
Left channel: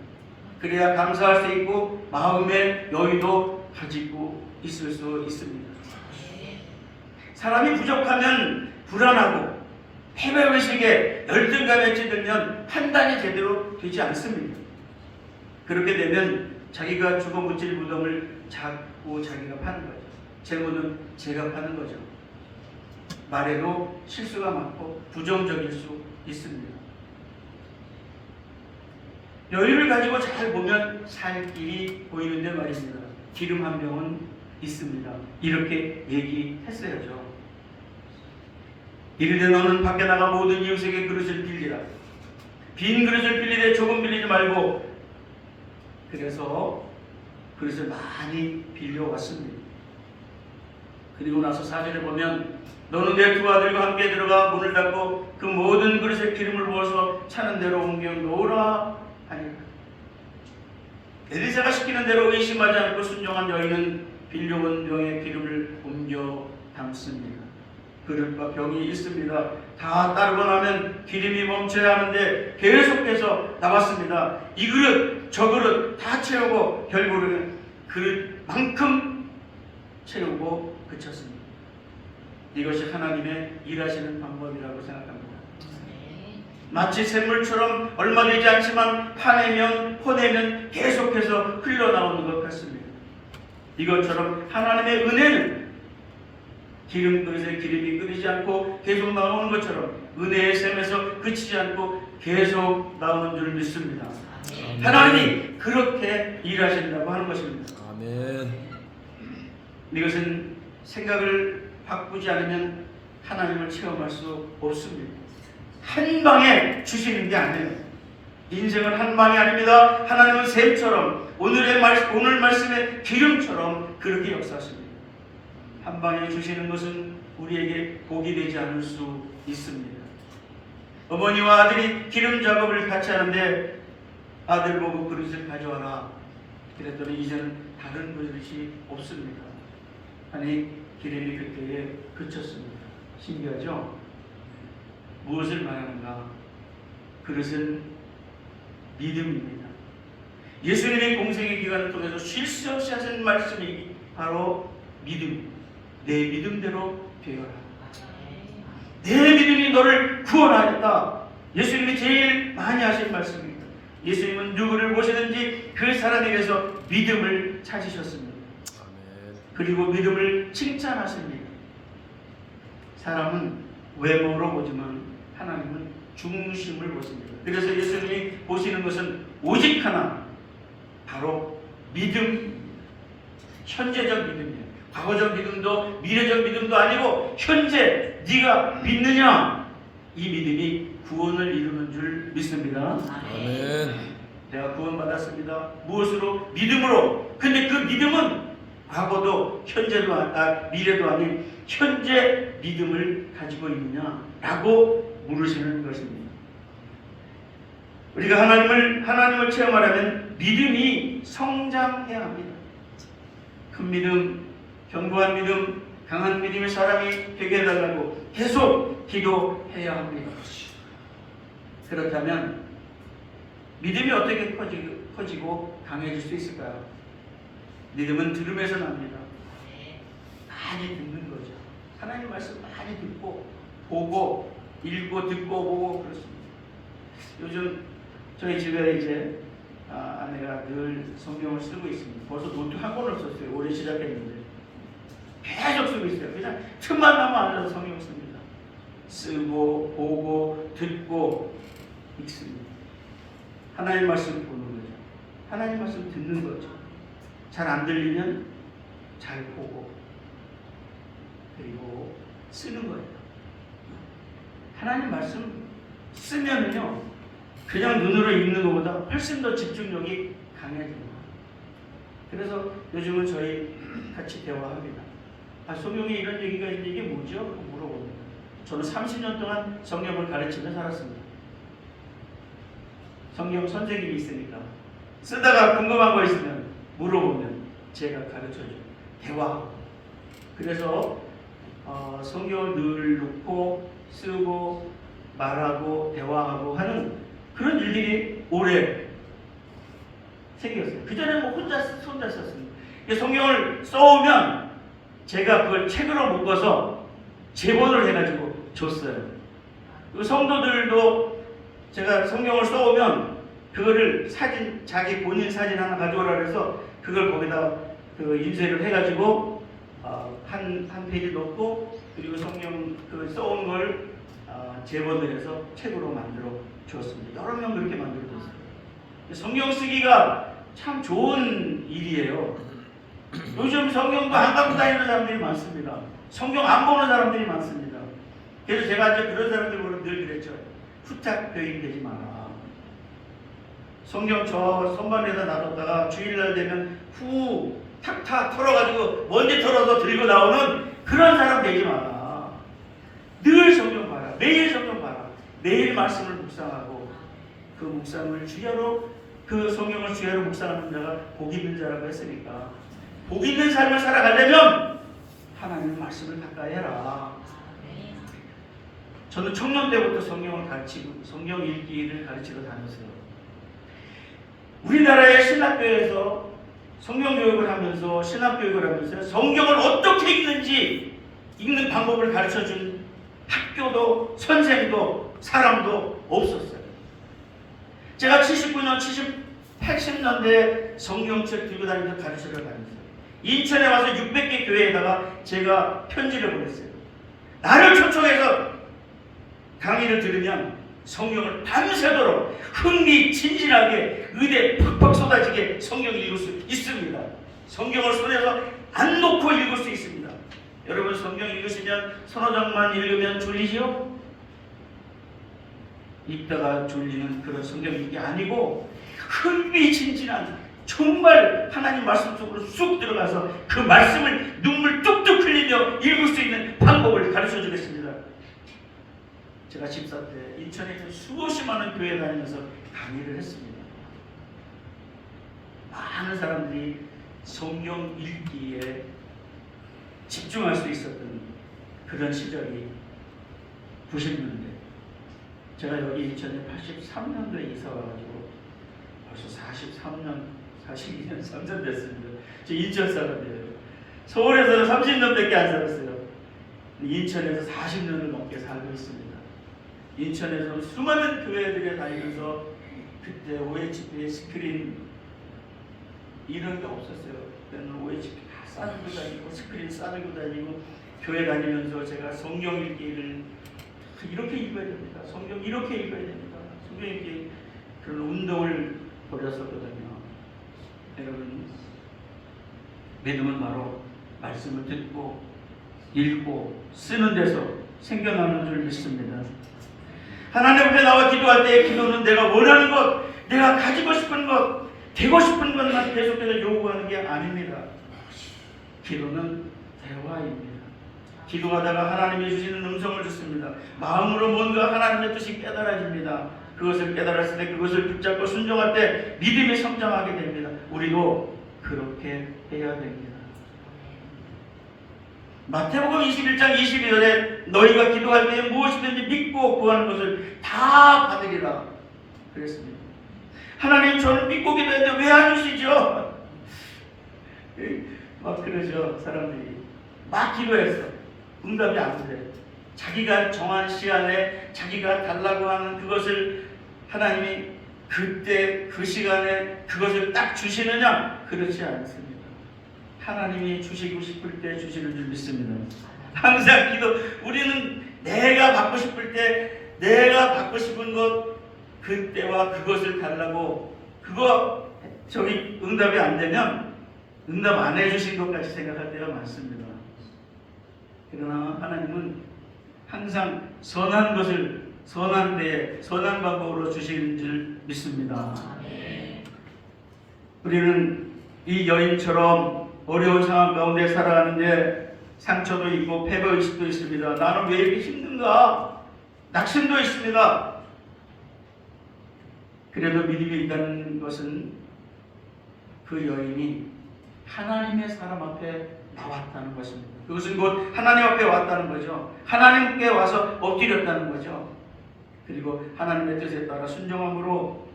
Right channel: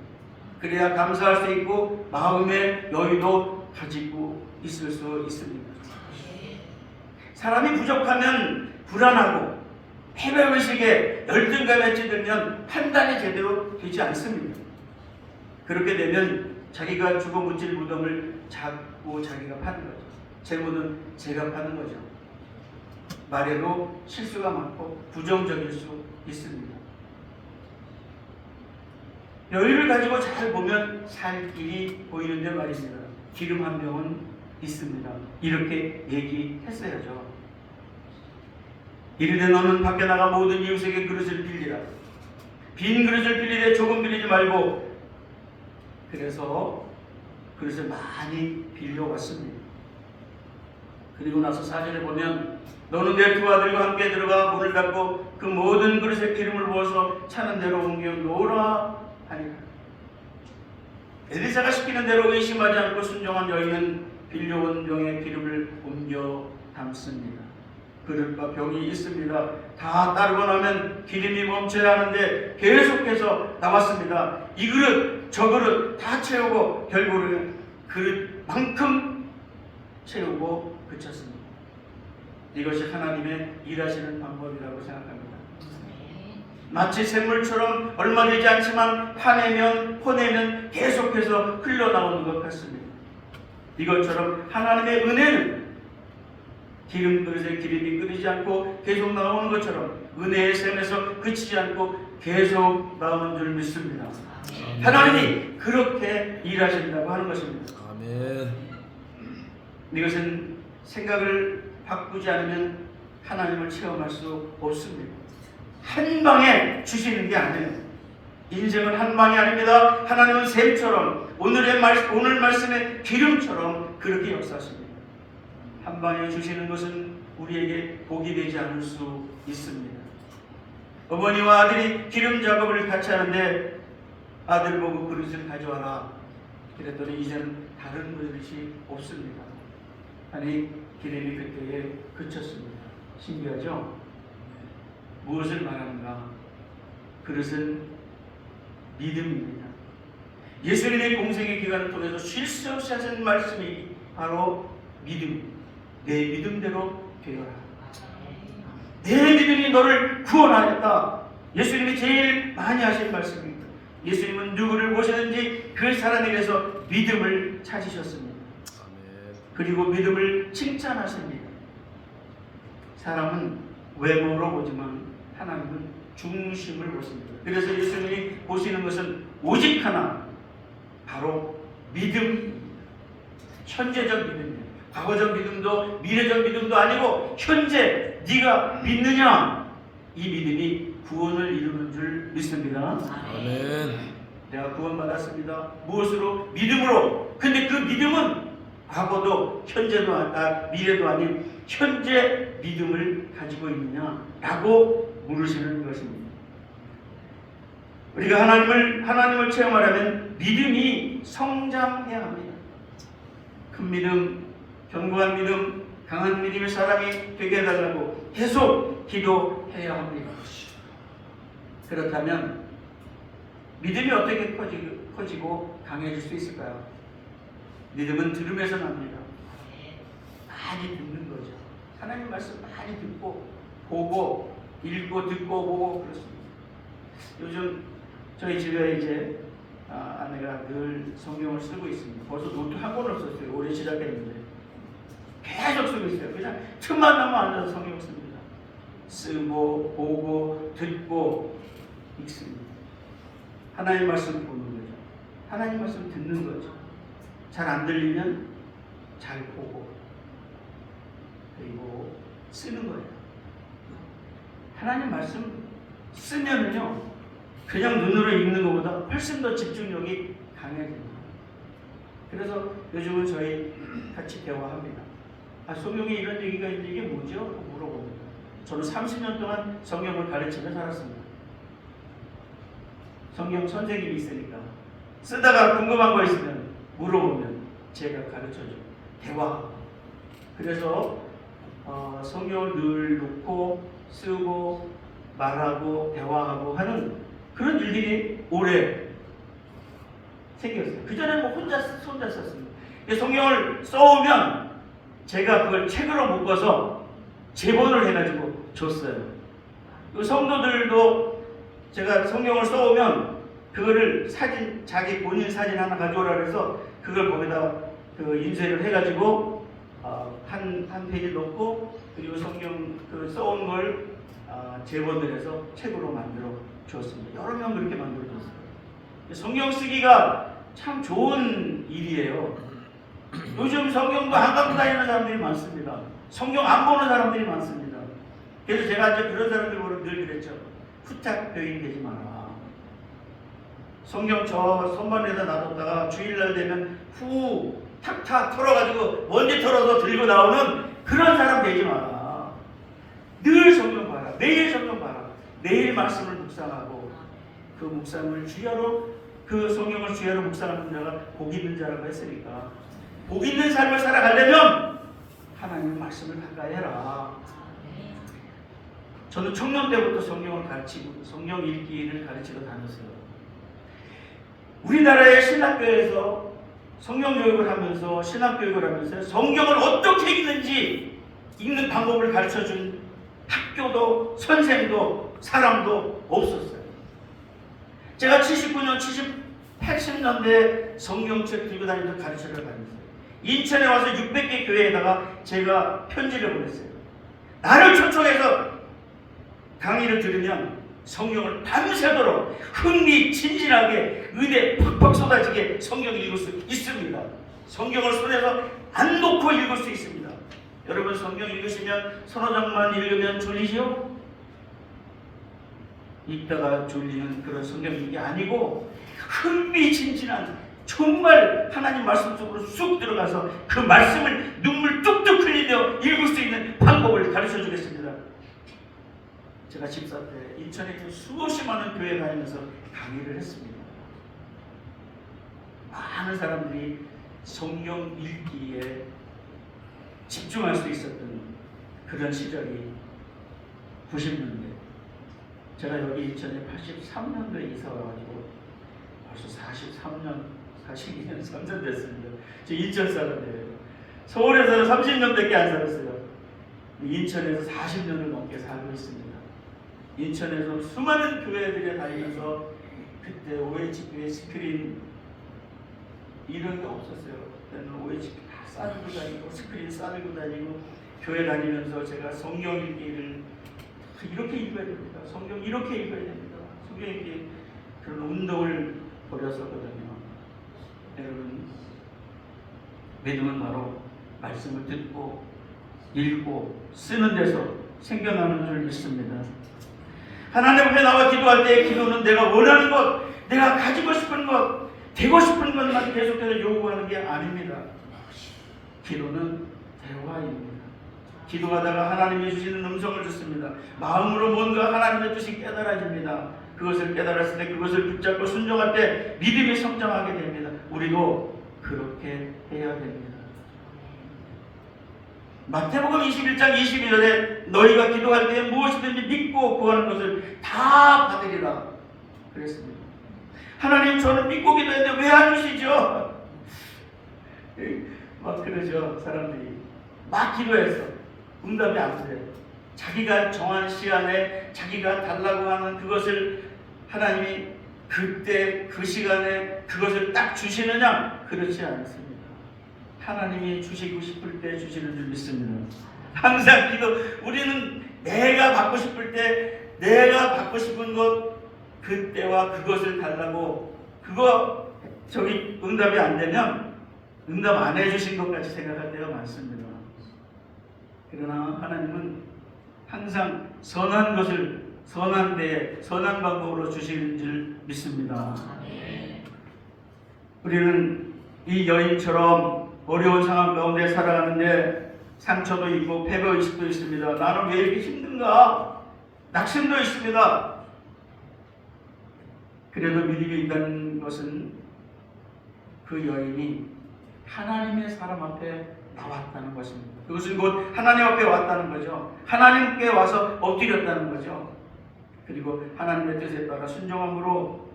그래야 감사할 수 있고 마음의 여유도 가지고 있을 수 있습니다. 사람이 부족하면 불안하고 패배의식에 열등감에 찌들면 판단이 제대로 되지 않습니다. 그렇게 되면 자기가 주고 묻힐 무덤을 잡고 자기가 파는 거죠. 재물은 제가 파는 거죠. 말에도 실수가 많고 부정적일 수 있습니다. 여유를 가지고 잘 보면 살 길이 보이는데 말입니다. 기름 한 병은 있습니다. 이렇게 얘기했어야죠. 이르되 너는 밖에 나가 모든 이웃에게 그릇을 빌리라. 빈 그릇을 빌리되 조금 빌리지 말고. 그래서 그릇을 많이 빌려왔습니다. 그리고 나서 4절에 보면 너는 내 두 아들과 함께 들어가 문을 닫고 그 모든 그릇에 기름을 부어서 차는 대로 옮겨 놓으라 하니라. 엘리사가 시키는 대로 의심하지 않고 순종한 여인은 빌려온 병에 기름을 옮겨 담습니다. 그릇과 병이 있습니다. 다 따르고 나면 기름이 멈춰야 하는데 계속해서 나왔습니다. 이 그릇 저 그릇 다 채우고 결국은 그릇만큼 채우고 그쳤습니다. 이것이 하나님의 일하시는 방법이라고 생각합니다. 마치 샘물처럼 얼마 되지 않지만 파내면 퍼내면 계속해서 흘러나오는 것 같습니다. 이것처럼 하나님의 은혜는 기름 그릇에 기름이 끓이지 않고 계속 나오는 것처럼 은혜의 샘에서 그치지 않고 계속 나오는 줄 믿습니다. 하나님이 그렇게 일하신다고 하는 것입니다. 아멘. 이것은 생각을 바꾸지 않으면 하나님을 체험할 수 없습니다. 한 방에 주시는 게 아니에요. 인생은 한 방이 아닙니다. 하나님은 샘처럼 오늘 말씀의 기름처럼 그렇게 역사하십니다. 한 방에 주시는 것은 우리에게 복이 되지 않을 수 있습니다. 어머니와 아들이 기름 작업을 같이 하는데 아들 보고 그릇을 가져와라. 그랬더니 이제는 다른 그릇이 없습니다. 아니 기름이 그때에 그쳤습니다. 신기하죠? 무엇을 말하는가? 그릇은 믿음입니다. 예수님의 공생의 기간을 통해서 쉴 새 없이 하신 말씀이 바로 믿음. 내 믿음대로 되어라. 내 믿음이 너를 구원하였다. 예수님이 제일 많이 하신 말씀입니다. 예수님은 누구를 보시든지 그 사람에게서 믿음을 찾으셨습니다. 그리고 믿음을 칭찬하십니다. 사람은 외모로 보지만 하나님은 중심을 보십니다. 그래서 예수님이 보시는 것은 오직 하나, 바로 믿음, 현재적 믿음이에요. 과거적 믿음도 미래적 믿음도 아니고 현재 네가 믿느냐, 이 믿음이 구원을 이루는 줄 믿습니다. 아멘. 내가 구원받았습니다. 무엇으로? 믿음으로. 근데 그 믿음은 과거도 현재도 미래도 아닌 현재 믿음을 가지고 있느냐라고 물으시는 것입니다. 우리가 하나님을 체험하려면 믿음이 성장해야 합니다. 큰 믿음, 견고한 믿음, 강한 믿음의 사람이 되게 해달라고 계속 기도해야 합니다. 그렇다면 믿음이 어떻게 커지고 강해질 수 있을까요? 믿음은 들음에서 납니다. 많이 듣는 거죠. 하나님 말씀 많이 듣고 보고 읽고 듣고 보고 그렇습니다. 요즘 저희 집에 이제 아내가 늘 성경을 쓰고 있습니다. 벌써 노트 한 권을 썼어요. 올해 시작했는데 계속 쓰고 있어요. 그냥 틈만 나면 앉아서 성경 씁니다. 쓰고 보고 듣고 읽습니다. 하나님 말씀 보는 거죠. 하나님 말씀 듣는 거죠. 잘 안 들리면 잘 보고 그리고 쓰는 거예요. 하나님 말씀 쓰면은요 그냥 눈으로 읽는 것보다 훨씬 더 집중력이 강해집니다. 그래서 요즘은 저희 같이 대화합니다. 성경에 이런 얘기가 있는데 이게 뭐죠? 물어봅니다. 저는 30년 동안 성경을 가르치며 살았습니다. 성경 선생님이 있으니까 쓰다가 궁금한 거 있으면 물어보면 제가 가르쳐줘요. 대화하고. 그래서 성경을 늘 놓고 쓰고 말하고 대화하고 하는 그런 일들이 오래 생겼어요. 그전에는 뭐 혼자 썼습니다. 성경을 써오면 제가 그걸 책으로 묶어서 제본을 해가지고 줬어요. 그 성도들도 제가 성경을 써오면 그거를 사진, 자기 본인 사진 하나 가져오라 그래서 그걸 거기다 그 인쇄를 해가지고 한 페이지 넣고 그리고 성경 그 써온 걸 제본을 해서 책으로 만들어 주었습니다. 여러 명 그렇게 만들어 줬어요. 성경 쓰기가 참 좋은 일이에요. 요즘 성경도 안 갖고 다니는 사람들이 많습니다. 성경 안 보는 사람들이 많습니다. 그래서 제가 이제 그런 사람들 보면 늘 그랬죠. 후딱 교인 되지 마라. 성경 저 선반에다 놔뒀다가 주일날 되면 후 탁탁 털어가지고 먼지 털어서 들고 나오는 그런 사람 되지 마라. 늘 성경 봐라. 매일 성경 봐라. 매일 말씀을 묵상하고 그 묵상을 주야로 그 성경을 주야로 묵상하는 자가 복 있는 자라고 했으니까 복 있는 삶을 살아가려면 하나님의 말씀을 가까이 해라. 저는 청년 때부터 성경을 가르치고 성경 읽기를 가르치고 다녔어요. 우리나라의 신학교에서 성경교육을 하면서 신학교육을 하면서 성경을 어떻게 읽는지 읽는 방법을 가르쳐준 학교도 선생도 사람도 없었어요. 제가 79년, 80년대에 성경책 들고 다니면서 가르치러 다녔어요. 인천에 와서 600개 교회에다가 제가 편지를 보냈어요. 나를 초청해서 강의를 들으면 성경을 밤새도록 흥미진진하게 의대 팍팍 쏟아지게 성경을 읽을 수 있습니다. 성경을 손에서 안 놓고 읽을 수 있습니다. 여러분 성경 읽으시면 서너 장만 읽으면 졸리시오? 읽다가 졸리는 그런 성경 읽기 아니고 흥미진진한 정말 하나님 말씀 속으로 쑥 들어가서 그 말씀을 눈물 뚝뚝 흘리며 읽을 수 있는 방법을 가르쳐 주겠습니다. 제가 집사 때 인천에 있는 수없이 많은 교회 다니면서 강의를 했습니다. 많은 사람들이 성경 읽기에 집중할 수 있었던 그런 시절이 90년대. 제가 여기 인천에 83년도에 이사 와가지고 벌써 42년, 3년 됐습니다. 저 인천 사람이에요. 서울에서는 30년밖에 안 살았어요. 인천에서 40년을 넘게 살고 있습니다. 인천에서 수많은 교회들에 다니면서 그때 OHP 스크린 이런 게 없었어요. 그때는 OHP 다 싸들고 다니고 스크린 싸들고 다니고 교회 다니면서 제가 성경 읽기를 이렇게 읽어야 됩니다. 성경 이렇게 읽어야 됩니다. 성경 읽기 그런 운동을 벌였었거든요. 여러분 믿음은 바로 말씀을 듣고 읽고 쓰는 데서 생겨나는 줄 믿습니다. 하나님 앞에 나와 기도할 때 기도는 내가 원하는 것, 내가 가지고 싶은 것, 되고 싶은 것만 계속해서 요구하는 게 아닙니다. 기도는 대화입니다. 기도하다가 하나님이 주시는 음성을 듣습니다. 마음으로 뭔가 하나님의 뜻이 깨달아집니다. 그것을 깨달았을 때 그것을 붙잡고 순종할 때 믿음이 성장하게 됩니다. 우리도 그렇게 해야 됩니다. 마태복음 21장 22절에 너희가 기도할 때에 무엇이든지 믿고 구하는 것을 다 받으리라 그랬습니다. 하나님 저는 믿고 기도했는데 왜 안 주시죠? 막 그러죠. 사람들이 막 기도해서 응답이 안 돼. 자기가 정한 시간에 자기가 달라고 하는 그것을 하나님이 그때 그 시간에 그것을 딱 주시느냐? 그렇지 않습니다. 하나님이 주시고 싶을 때 주시는 줄 믿습니다. 항상 기도, 우리는 내가 받고 싶을 때 내가 받고 싶은 것 그때와 그것을 달라고 그거 저기 응답이 안 되면 응답 안 해주신 것 같이 생각할 때가 많습니다. 그러나 하나님은 항상 선한 것을 선한 때에 선한 방법으로 주시는 줄 믿습니다. 우리는 이 여인처럼 어려운 상황 가운데 살아가는데 상처도 있고 패배의식도 있습니다. 나는 왜 이렇게 힘든가? 낙심도 있습니다. 그래도 믿음이 있다는 것은 그 여인이 하나님의 사람 앞에 나왔다는 것입니다. 그것은 곧 하나님 앞에 왔다는 거죠. 하나님께 와서 엎드렸다는 거죠. 그리고 하나님의 뜻에 따라 순종함으로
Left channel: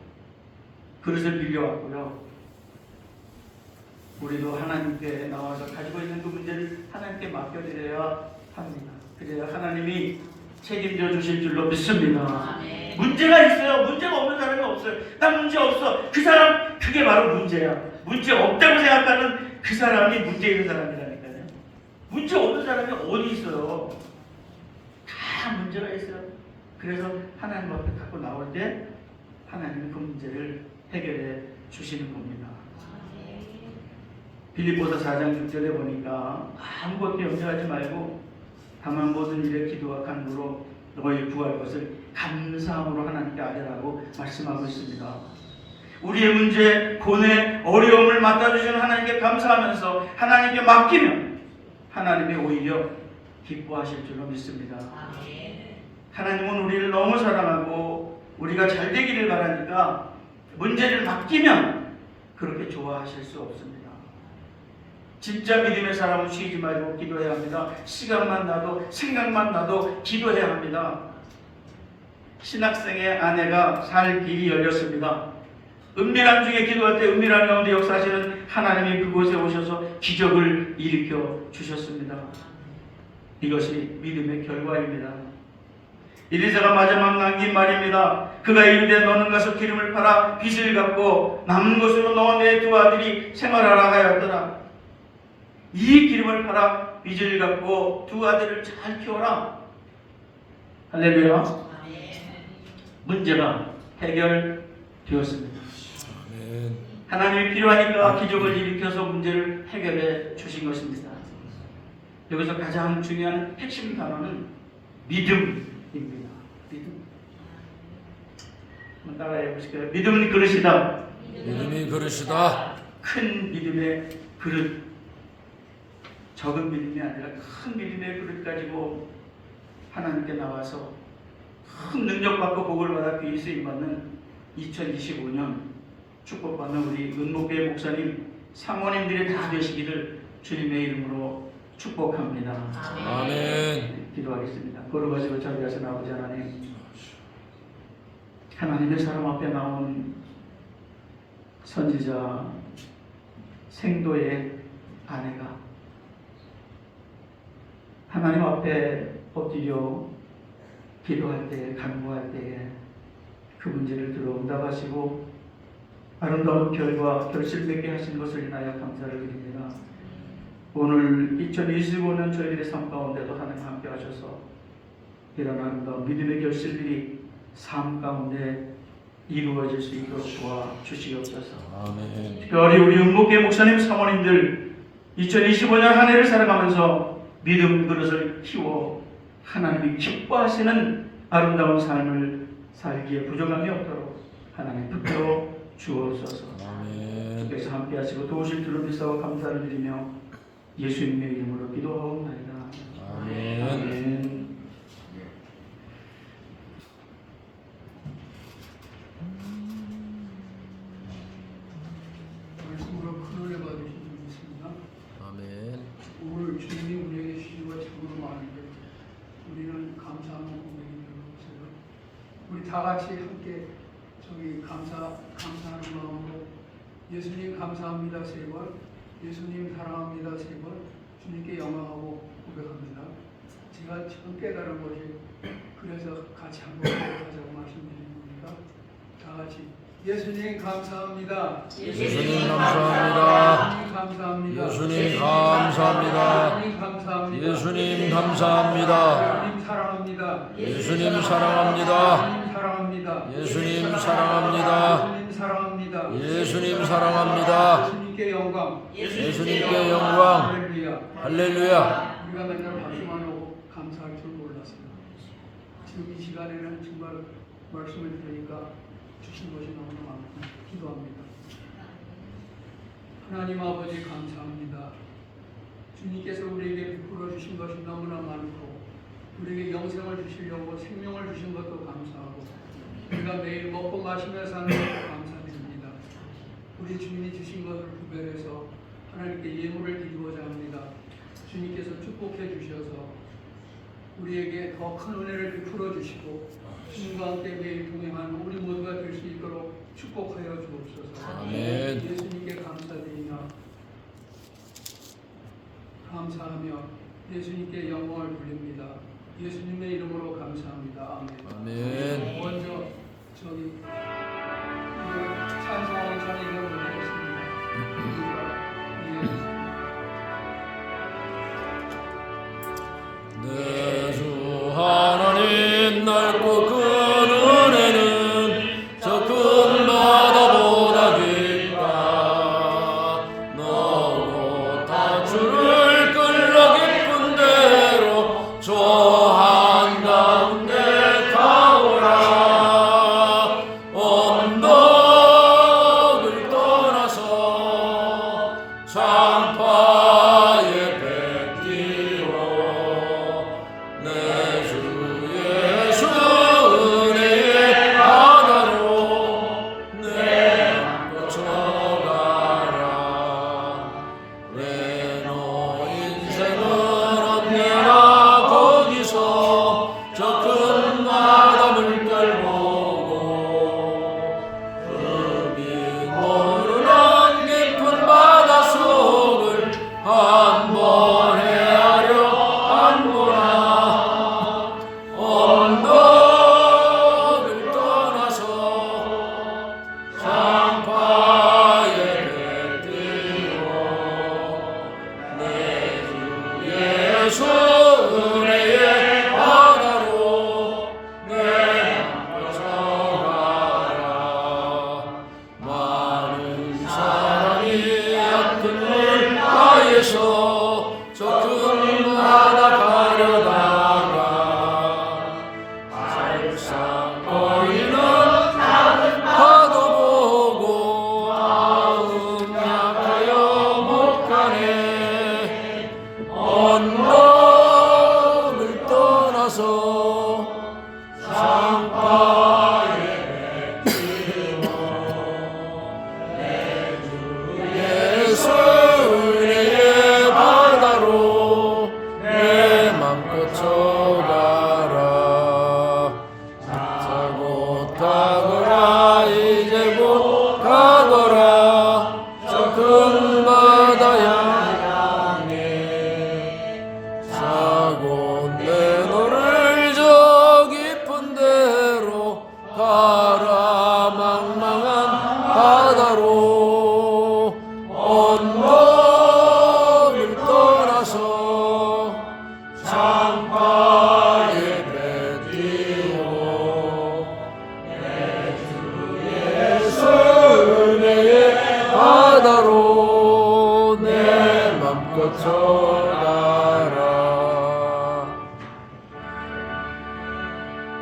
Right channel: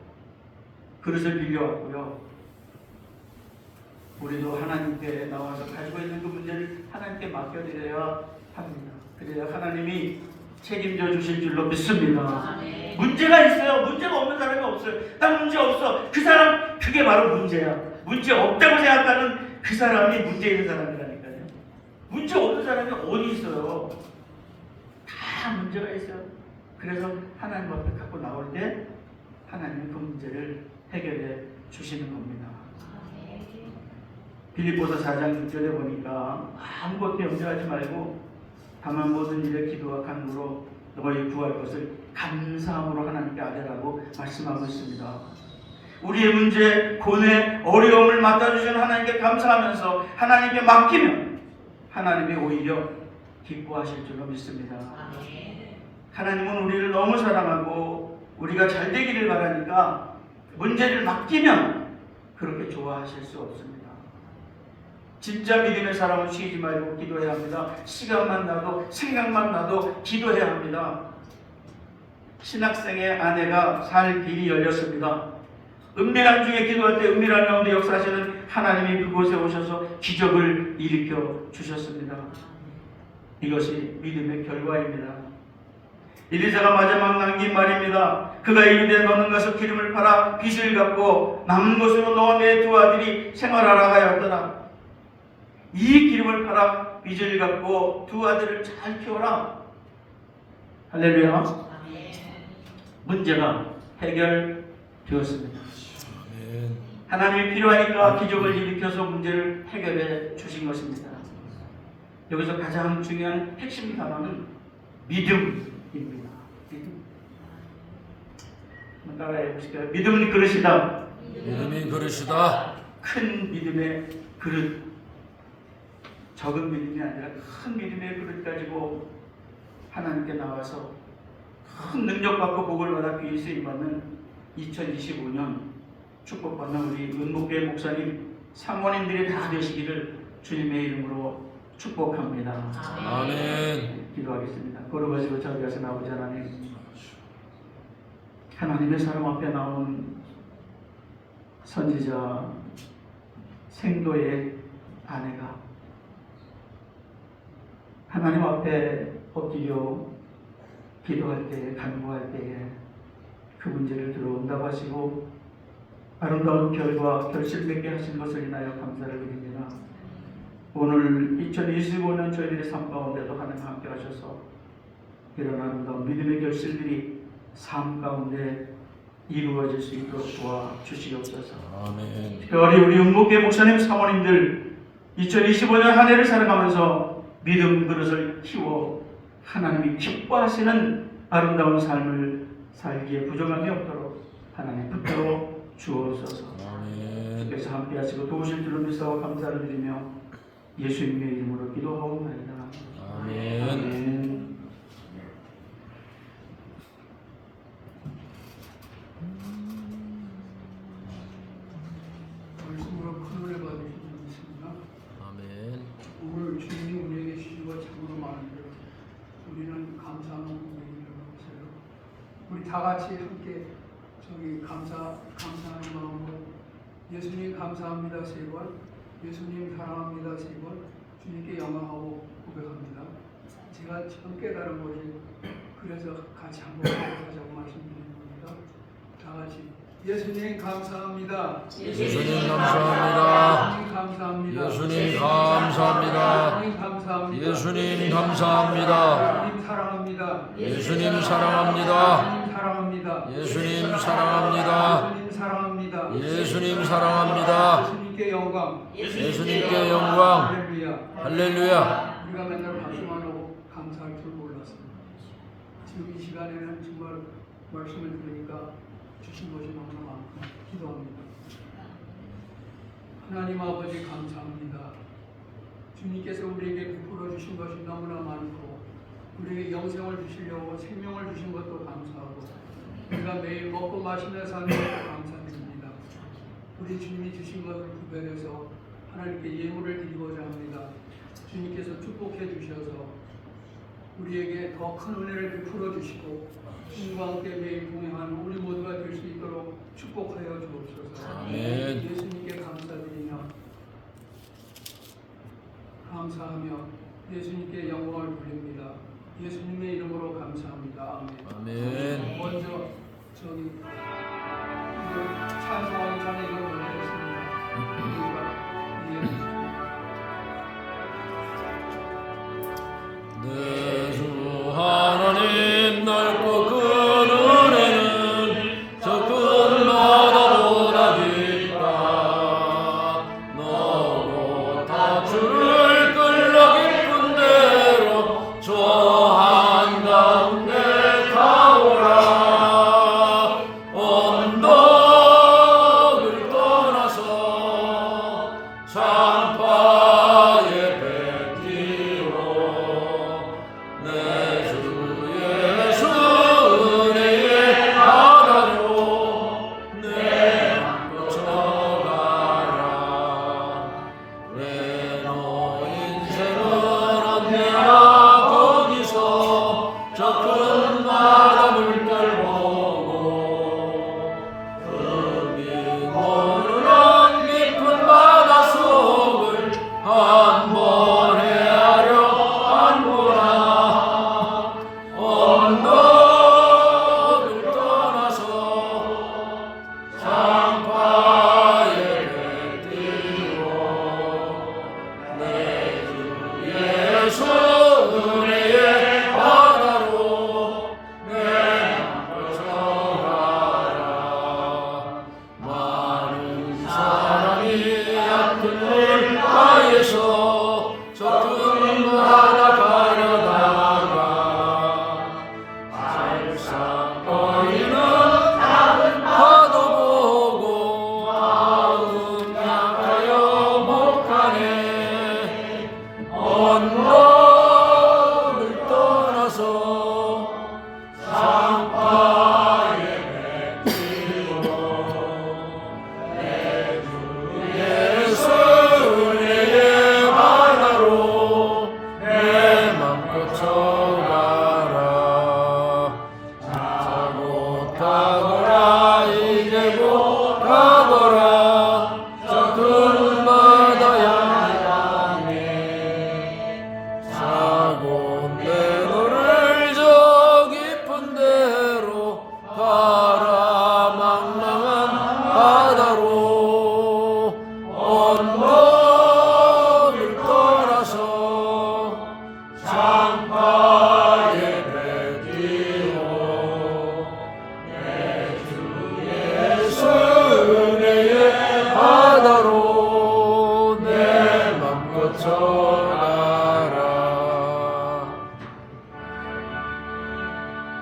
그릇을 빌려왔고요. 우리도 하나님께 나와서 가지고 있는 그 문제를 하나님께 맡겨드려야 합니다. 그래야 하나님이 책임져 주실 줄로 믿습니다. 문제가 있어요. 문제가 없는 사람이 없어요. 나 문제 없어. 그 사람 그게 바로 문제야. 문제 없다고 생각하는 그 사람이 문제 있는 사람이라니까요. 문제 없는 사람이 어디 있어요. 다 문제가 있어요. 그래서 하나님 앞에 갖고 나올 때 하나님은 그 문제를 해결해 주시는 겁니다. 빌립보서 4장 6절에 보니까 아무것도 염려하지 말고 다만 모든 일에 기도와 간구로 너희 구할 것을 감사함으로 하나님께 아뢰라고 말씀하고 있습니다. 우리의 문제, 고뇌, 어려움을 맡아주시는 하나님께 감사하면서 하나님께 맡기면 하나님이 오히려 기뻐하실 줄로 믿습니다. 하나님은 우리를 너무 사랑하고 우리가 잘 되기를 바라니까 문제를 맡기면 그렇게 좋아하실 수 없습니다. 진짜 믿음의 사람은 쉬지 말고 기도해야 합니다. 시간만 나도 생각만 나도 기도해야 합니다. 신학생의 아내가 살 길이 열렸습니다. 은밀한 중에 기도할 때 은밀한 가운데 역사하시는 하나님이 그곳에 오셔서 기적을 일으켜 주셨습니다. 이것이 믿음의 결과입니다. 엘리사가 마지막 남긴 말입니다. 그가 이르되 너는 가서 기름을 팔아 빚을 갚고 남은 것으로 너 내 두 아들이 생활하라 하였더라. 이 기름을 팔아 빚을 갚고 두 아들을 잘 키워라. 할렐루야. 문제가 해결되었습니다. 하나님이 필요하니까 기적을 일으켜서 문제를 해결해 주신 것입니다. 여기서 가장 중요한 핵심 단어는 믿음입니다. 믿음. 한번 따라해 보실까요? 믿음은 그릇이다. 믿음이 그릇이다. 큰 믿음의 그릇. 적은 믿음이 아니라 큰 믿음의 그릇 가지고 하나님께 나와서 큰 능력받고 복을 받아 귀히 쓰임받는 2025년 축복받는 우리 은목회 목사님, 사모님들이 다 되시기를 주님의 이름으로 축복합니다. 아멘. 기도하겠습니다. 걸어가시고 자비하신 아버지 하나님, 하나님의 사람 앞에 나온 선지자 생도의 아내가 하나님 앞에 엎드려 기도할 때에, 간구할 때에 그 문제를 들어 응답하시고 아름다운 결과 결실 맺게 하신 것을 인하여 감사를 드립니다. 오늘 2025년 저희들의 삶 가운데도 하나님 함께 하셔서 이런 아름다운 믿음의 결실들이 삶 가운데 이루어질 수 있도록 도와주시옵소서. 아멘. 특별히 우리 은목회 목사님 사모님들 2025년 한 해를 살아가면서 믿음 그릇을 키워 하나님이 기뻐하시는 아름다운 삶을 살기에 부족함이 없도록 하나님 붙들어 주옵소서. 아멘. 주께서 함께 하시고 도우실 줄로 믿사오 감사를 드리며 예수님의 이름으로 기도하옵나이다. 아멘. 아멘. 말씀으로 큰 은혜 받으신 줄 믿습니다. 아멘. 오늘 주님이 우리에게 시주가 참으로 많은데 우리는 감사하는 고백이 별로 없어요. 우리 다 같이 함께 감사하는 마음으로 예수님 감사합니다 3번, 예수님 사랑합니다 3번, 주님께 영광하고 고백합니다. 제가 지금 깨달은 것이 그래서 같이 한번 고백하자고 말씀드린 겁니다. 다 같이 예수님 감사합니다. 예수님 감사합니다. 예수님 감사합니다. 예수님 감사합니다. 예수님 감사합니다. 예수님 감사합니다. 예수님 사랑합니다. 예수님 사랑합니다. 예수님 사랑합니다. 예수님 사랑합니다. 예수님 사랑합니다. 예수님 사랑합니다. 예수님께 영광. 예수님께 영광. 할렐루야. 할렐루야. 우리가 맨날 박수만 하고 감사할 줄 몰랐어요. 지금 이 시간에는 정말 말씀을 들으니까 주신 것이 너무나 많고 기도합니다. 하나님 아버지 감사합니다. 주님께서 우리에게 베풀어 주신 것이 너무나 많고 우리에게 영생을 주시려고 생명을 주신 것도 감사하고 우리가 매일 먹고 마시며 사는 것도 감사드립니다. 우리 주님이 주신 것을 구별해서 하나님께 예물을 드리고자 합니다. 주님께서 축복해 주셔서 우리에게 더 큰 은혜를 베풀어 주시고 주님과 함께 매일 동행하는 우리 모두가 될 수 있도록 축복하여 주옵소서. 아멘. 예수님께 감사드리며 감사하며 예수님께 영광을 돌립니다. 예수님의 이름으로 감사합니다. 아멘. 아멘. 먼저 이걸 찬송하기 전에 이걸 먼저 했습니다. 내 주 하나님 넓고 큰 은혜는 저 끝마다 보다 깊다. 너로 다 주를 끌러 깊은 대로 저 한가운데 가오라. 언덕을 떠나서 산파에 뱉기로 내 주 예수 은혜의 바다로 내 안고 쳐가라. 왜 너 인생은 언제나 거기서 저 큰 바다 물결 보고 흙이 모르는 깊은 바다 속 거쳐가라.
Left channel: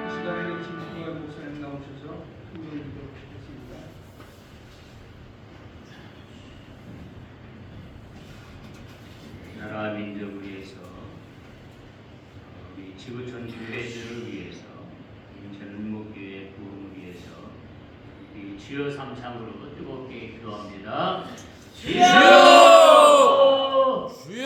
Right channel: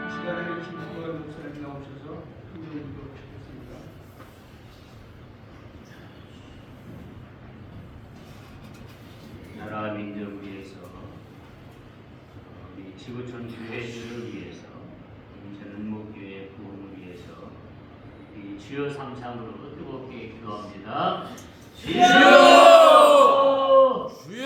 이 시간에 김수걸 목사님 나오셔서 은혜 기도하시겠습니다. 나라 민족을 위해서 우리 지구촌 교회들을 위해서 인천 은목교회 부흥을 위해서 우리 주여 삼창으로 뜨겁게 기도합니다. 주여! 주여!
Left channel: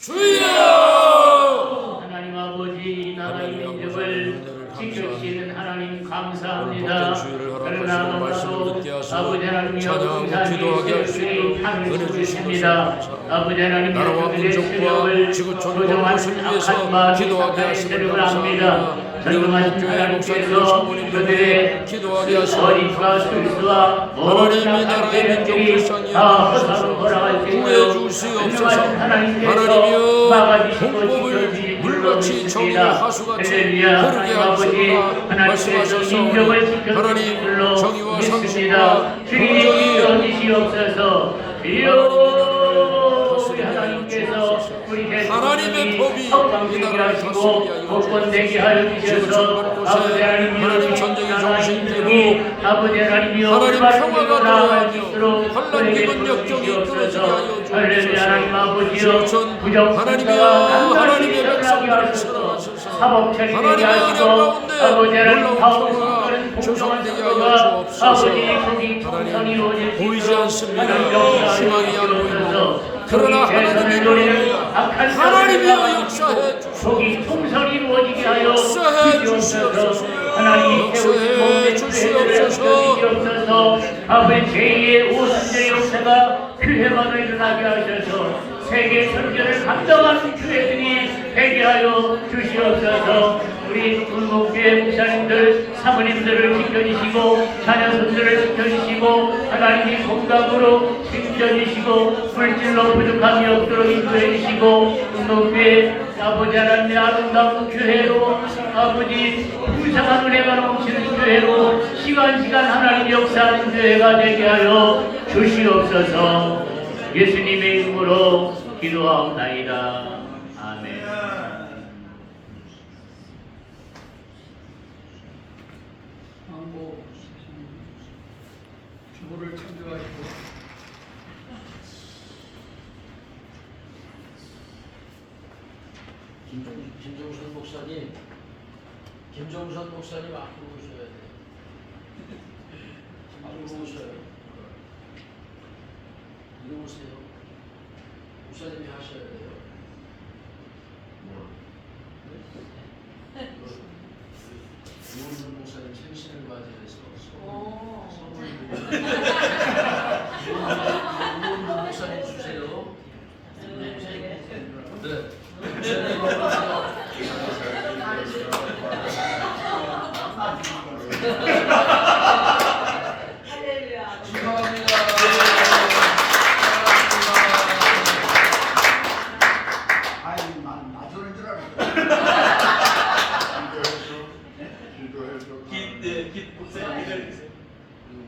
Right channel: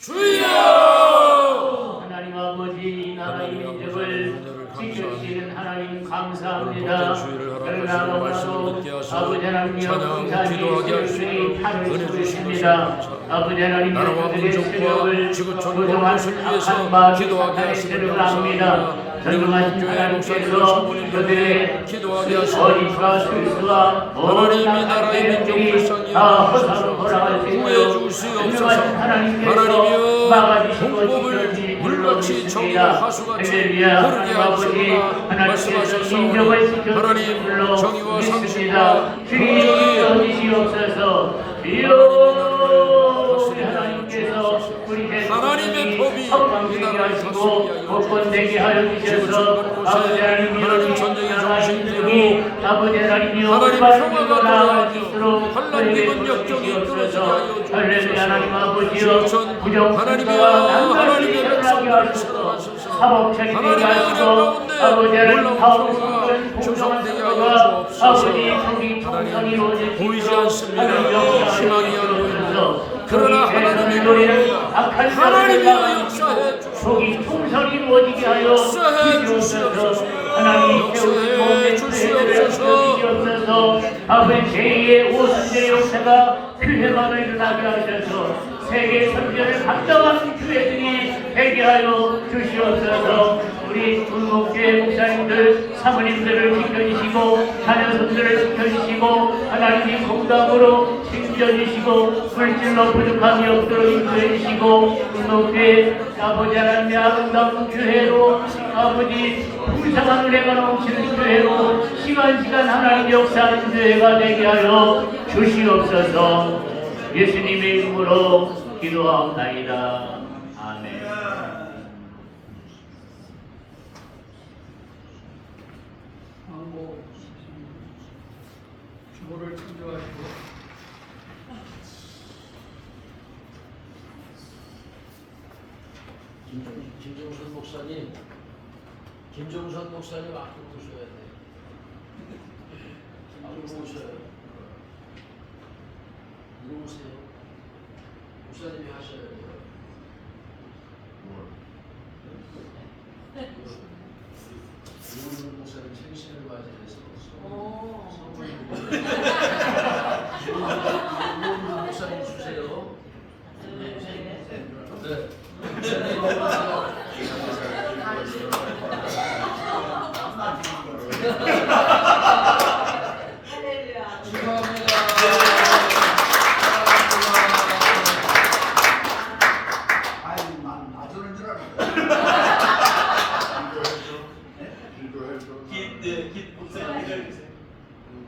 주여! 하나님 아버지 이 나라 민족을 지켜주시는 하나님 감사합니다. 그러나 아무도 아버지 하나님이여 풍산이 하늘 주십니다. 아버지 하나님이여 그들의 세력을 부정한 악한 마귀 사탄의 세력을 압니다. 전능하신 하나님께서 그들의 어리와 술수와 모든 악한 세력들이 다 허사로 돌아갈 수 있도록 전능하신 하나님께서 막아주시고 지켜주시 물러주십니다. 할렐루야. 하나님 아버지 하나님께서 민족을 지켜주시는 줄로 믿습니다. 주님이 지켜주시옵소서. 주여 하나님께서 우리 대통령이 성방되게 하시고 복권되게 하여 주셔서 아버지 하나님이여 민족이 아버지 하나님이여 올바른 길로 나아갈 수 있도록 우리 대통령이 주시옵소서. 할렐루야. 하나님 아버지여 부정선거가 단단히 일어나게 하소서. 사법처리 되게 하시고 아버지 하나님 다음 선거는 공정한 선거가 아버지 총리 총선이 이루어질 수 있도록 하나님 희망이 안 보이고 그러나 하나님의 하나님의 역사해 총리 총선이 이루어지게 하여 주시옵소서. 하나님이 세우신 주시옵소서. 아버지 제2의 오순절의 역사가 교회만을 일어나게 하셔서 세계 선교를 감당하는 교회들이 되게 하여 주시옵소서. 우리 군목교회 목사님들 사모님들을 지켜주시고 자녀손들을 지켜주시고 하나님이 공감으로 지켜주시고 물질로 부족함이 없도록 인도해 주시고 군목교회 아버지 하나님의 아름다운 교회로 아버지 풍성한 은혜가 넘치는 교회로 시간 하나님 역사하는 교회가 되게 하여 주시옵소서. 예수님의 이름으로 기도하옵나이다. 아멘. 왕복 주보를 참조하시고 김정선 목사님, 김정선 목사님 아끼고 오셔야 돼요. 아끼고 오셔요. 이리 오세요. 목사님이 하셔야 돼요. 이원준 목사님 생신을 맞이해서 선물 이원준 목사님 주세요. 네. 축하합니다. 아이, 맞추는 줄 알았어.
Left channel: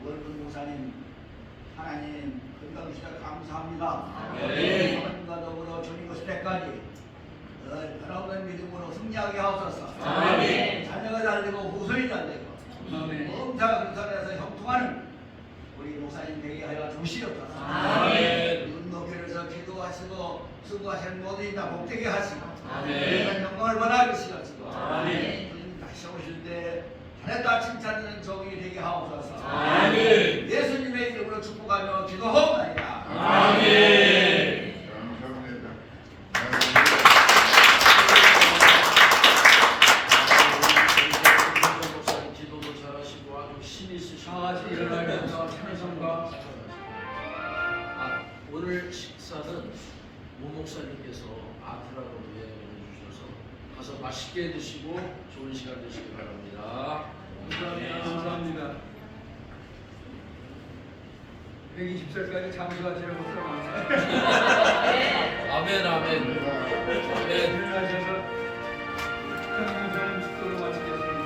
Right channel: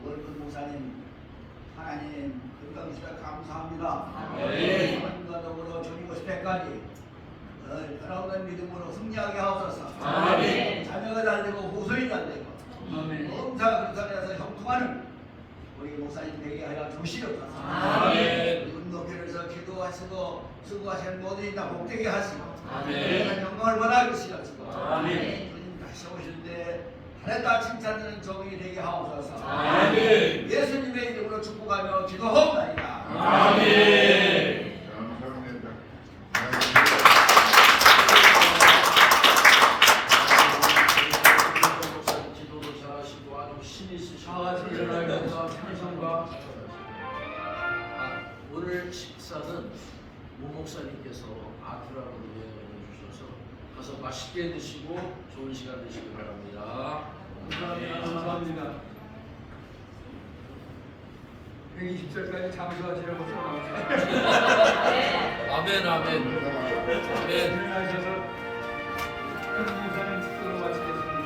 월급 목사님, 하나님 건강시켜 감사합니다. 하나님과 더불어 주님 것을 때까지 변함없는 믿음으로 승리하게 하옵소서. 자녀가 잘 되고 후손이 잘 되고 범사가 그릇안에서 형통하는 우리 목사님 되게 하여 주시옵소서. 운동교회에서 기도하시고 수고하시는 모든 다 복되게 하시고 그런 영광을 원하고 계시옵시고 주님 다시 오실 때 잘했다 칭찬하는 종이 되게 하옵소서. 예수님의 이름으로 축복하며 기도하옵나이다. 아멘. 기도도 잘하시고 아주 힘 있으시고 다같이 일어나면서 찬송과 오늘 식사는 모 목사님께서 아프라고 예언해 주셔서 가서 맛있게 드시고 좋은 시간 되시기 바랍니다. 감사합니다. 120살까지 잠수하시라고 써놨어요. 아멘 아멘 아멘. 일어나셔서 현무사는 축도를 마치겠습니다.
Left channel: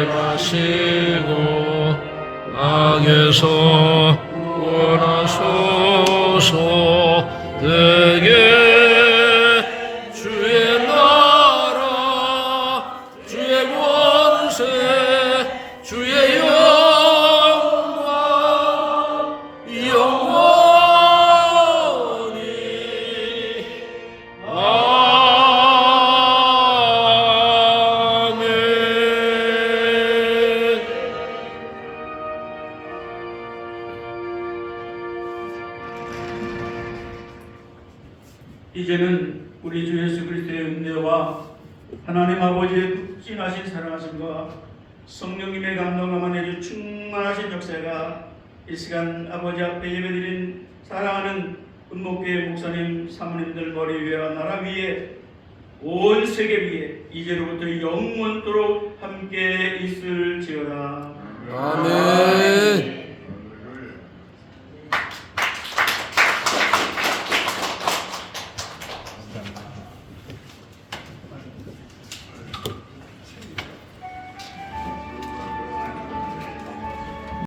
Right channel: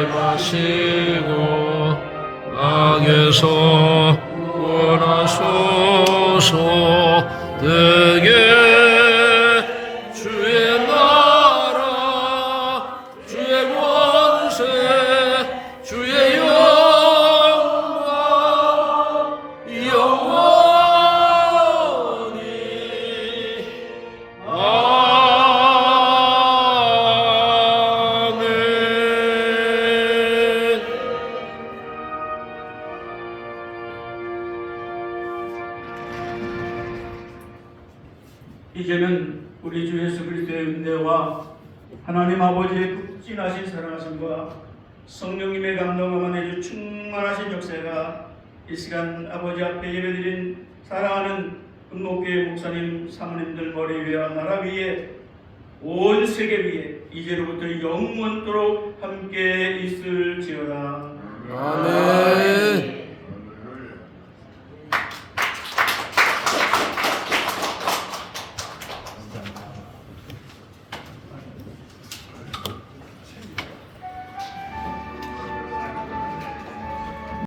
주께 마시고 악에서 구원하소서. 되게 주의 나라 주의 권세 주의 영광 영원히 아멘. 이제는 우리 주 예수 그리스도의 은혜와 하나님 아버지의 극진하신 사랑하심과 성령님의 감동을 은혜주 충만하신 역사가 이 시간 아버지 앞에 예배드린 사랑하는 은목교회 목사님 사모님들 머리 위와 나라 위에 온 세계 위에 이제로부터 영원토록 함께 있을지어다. 아멘.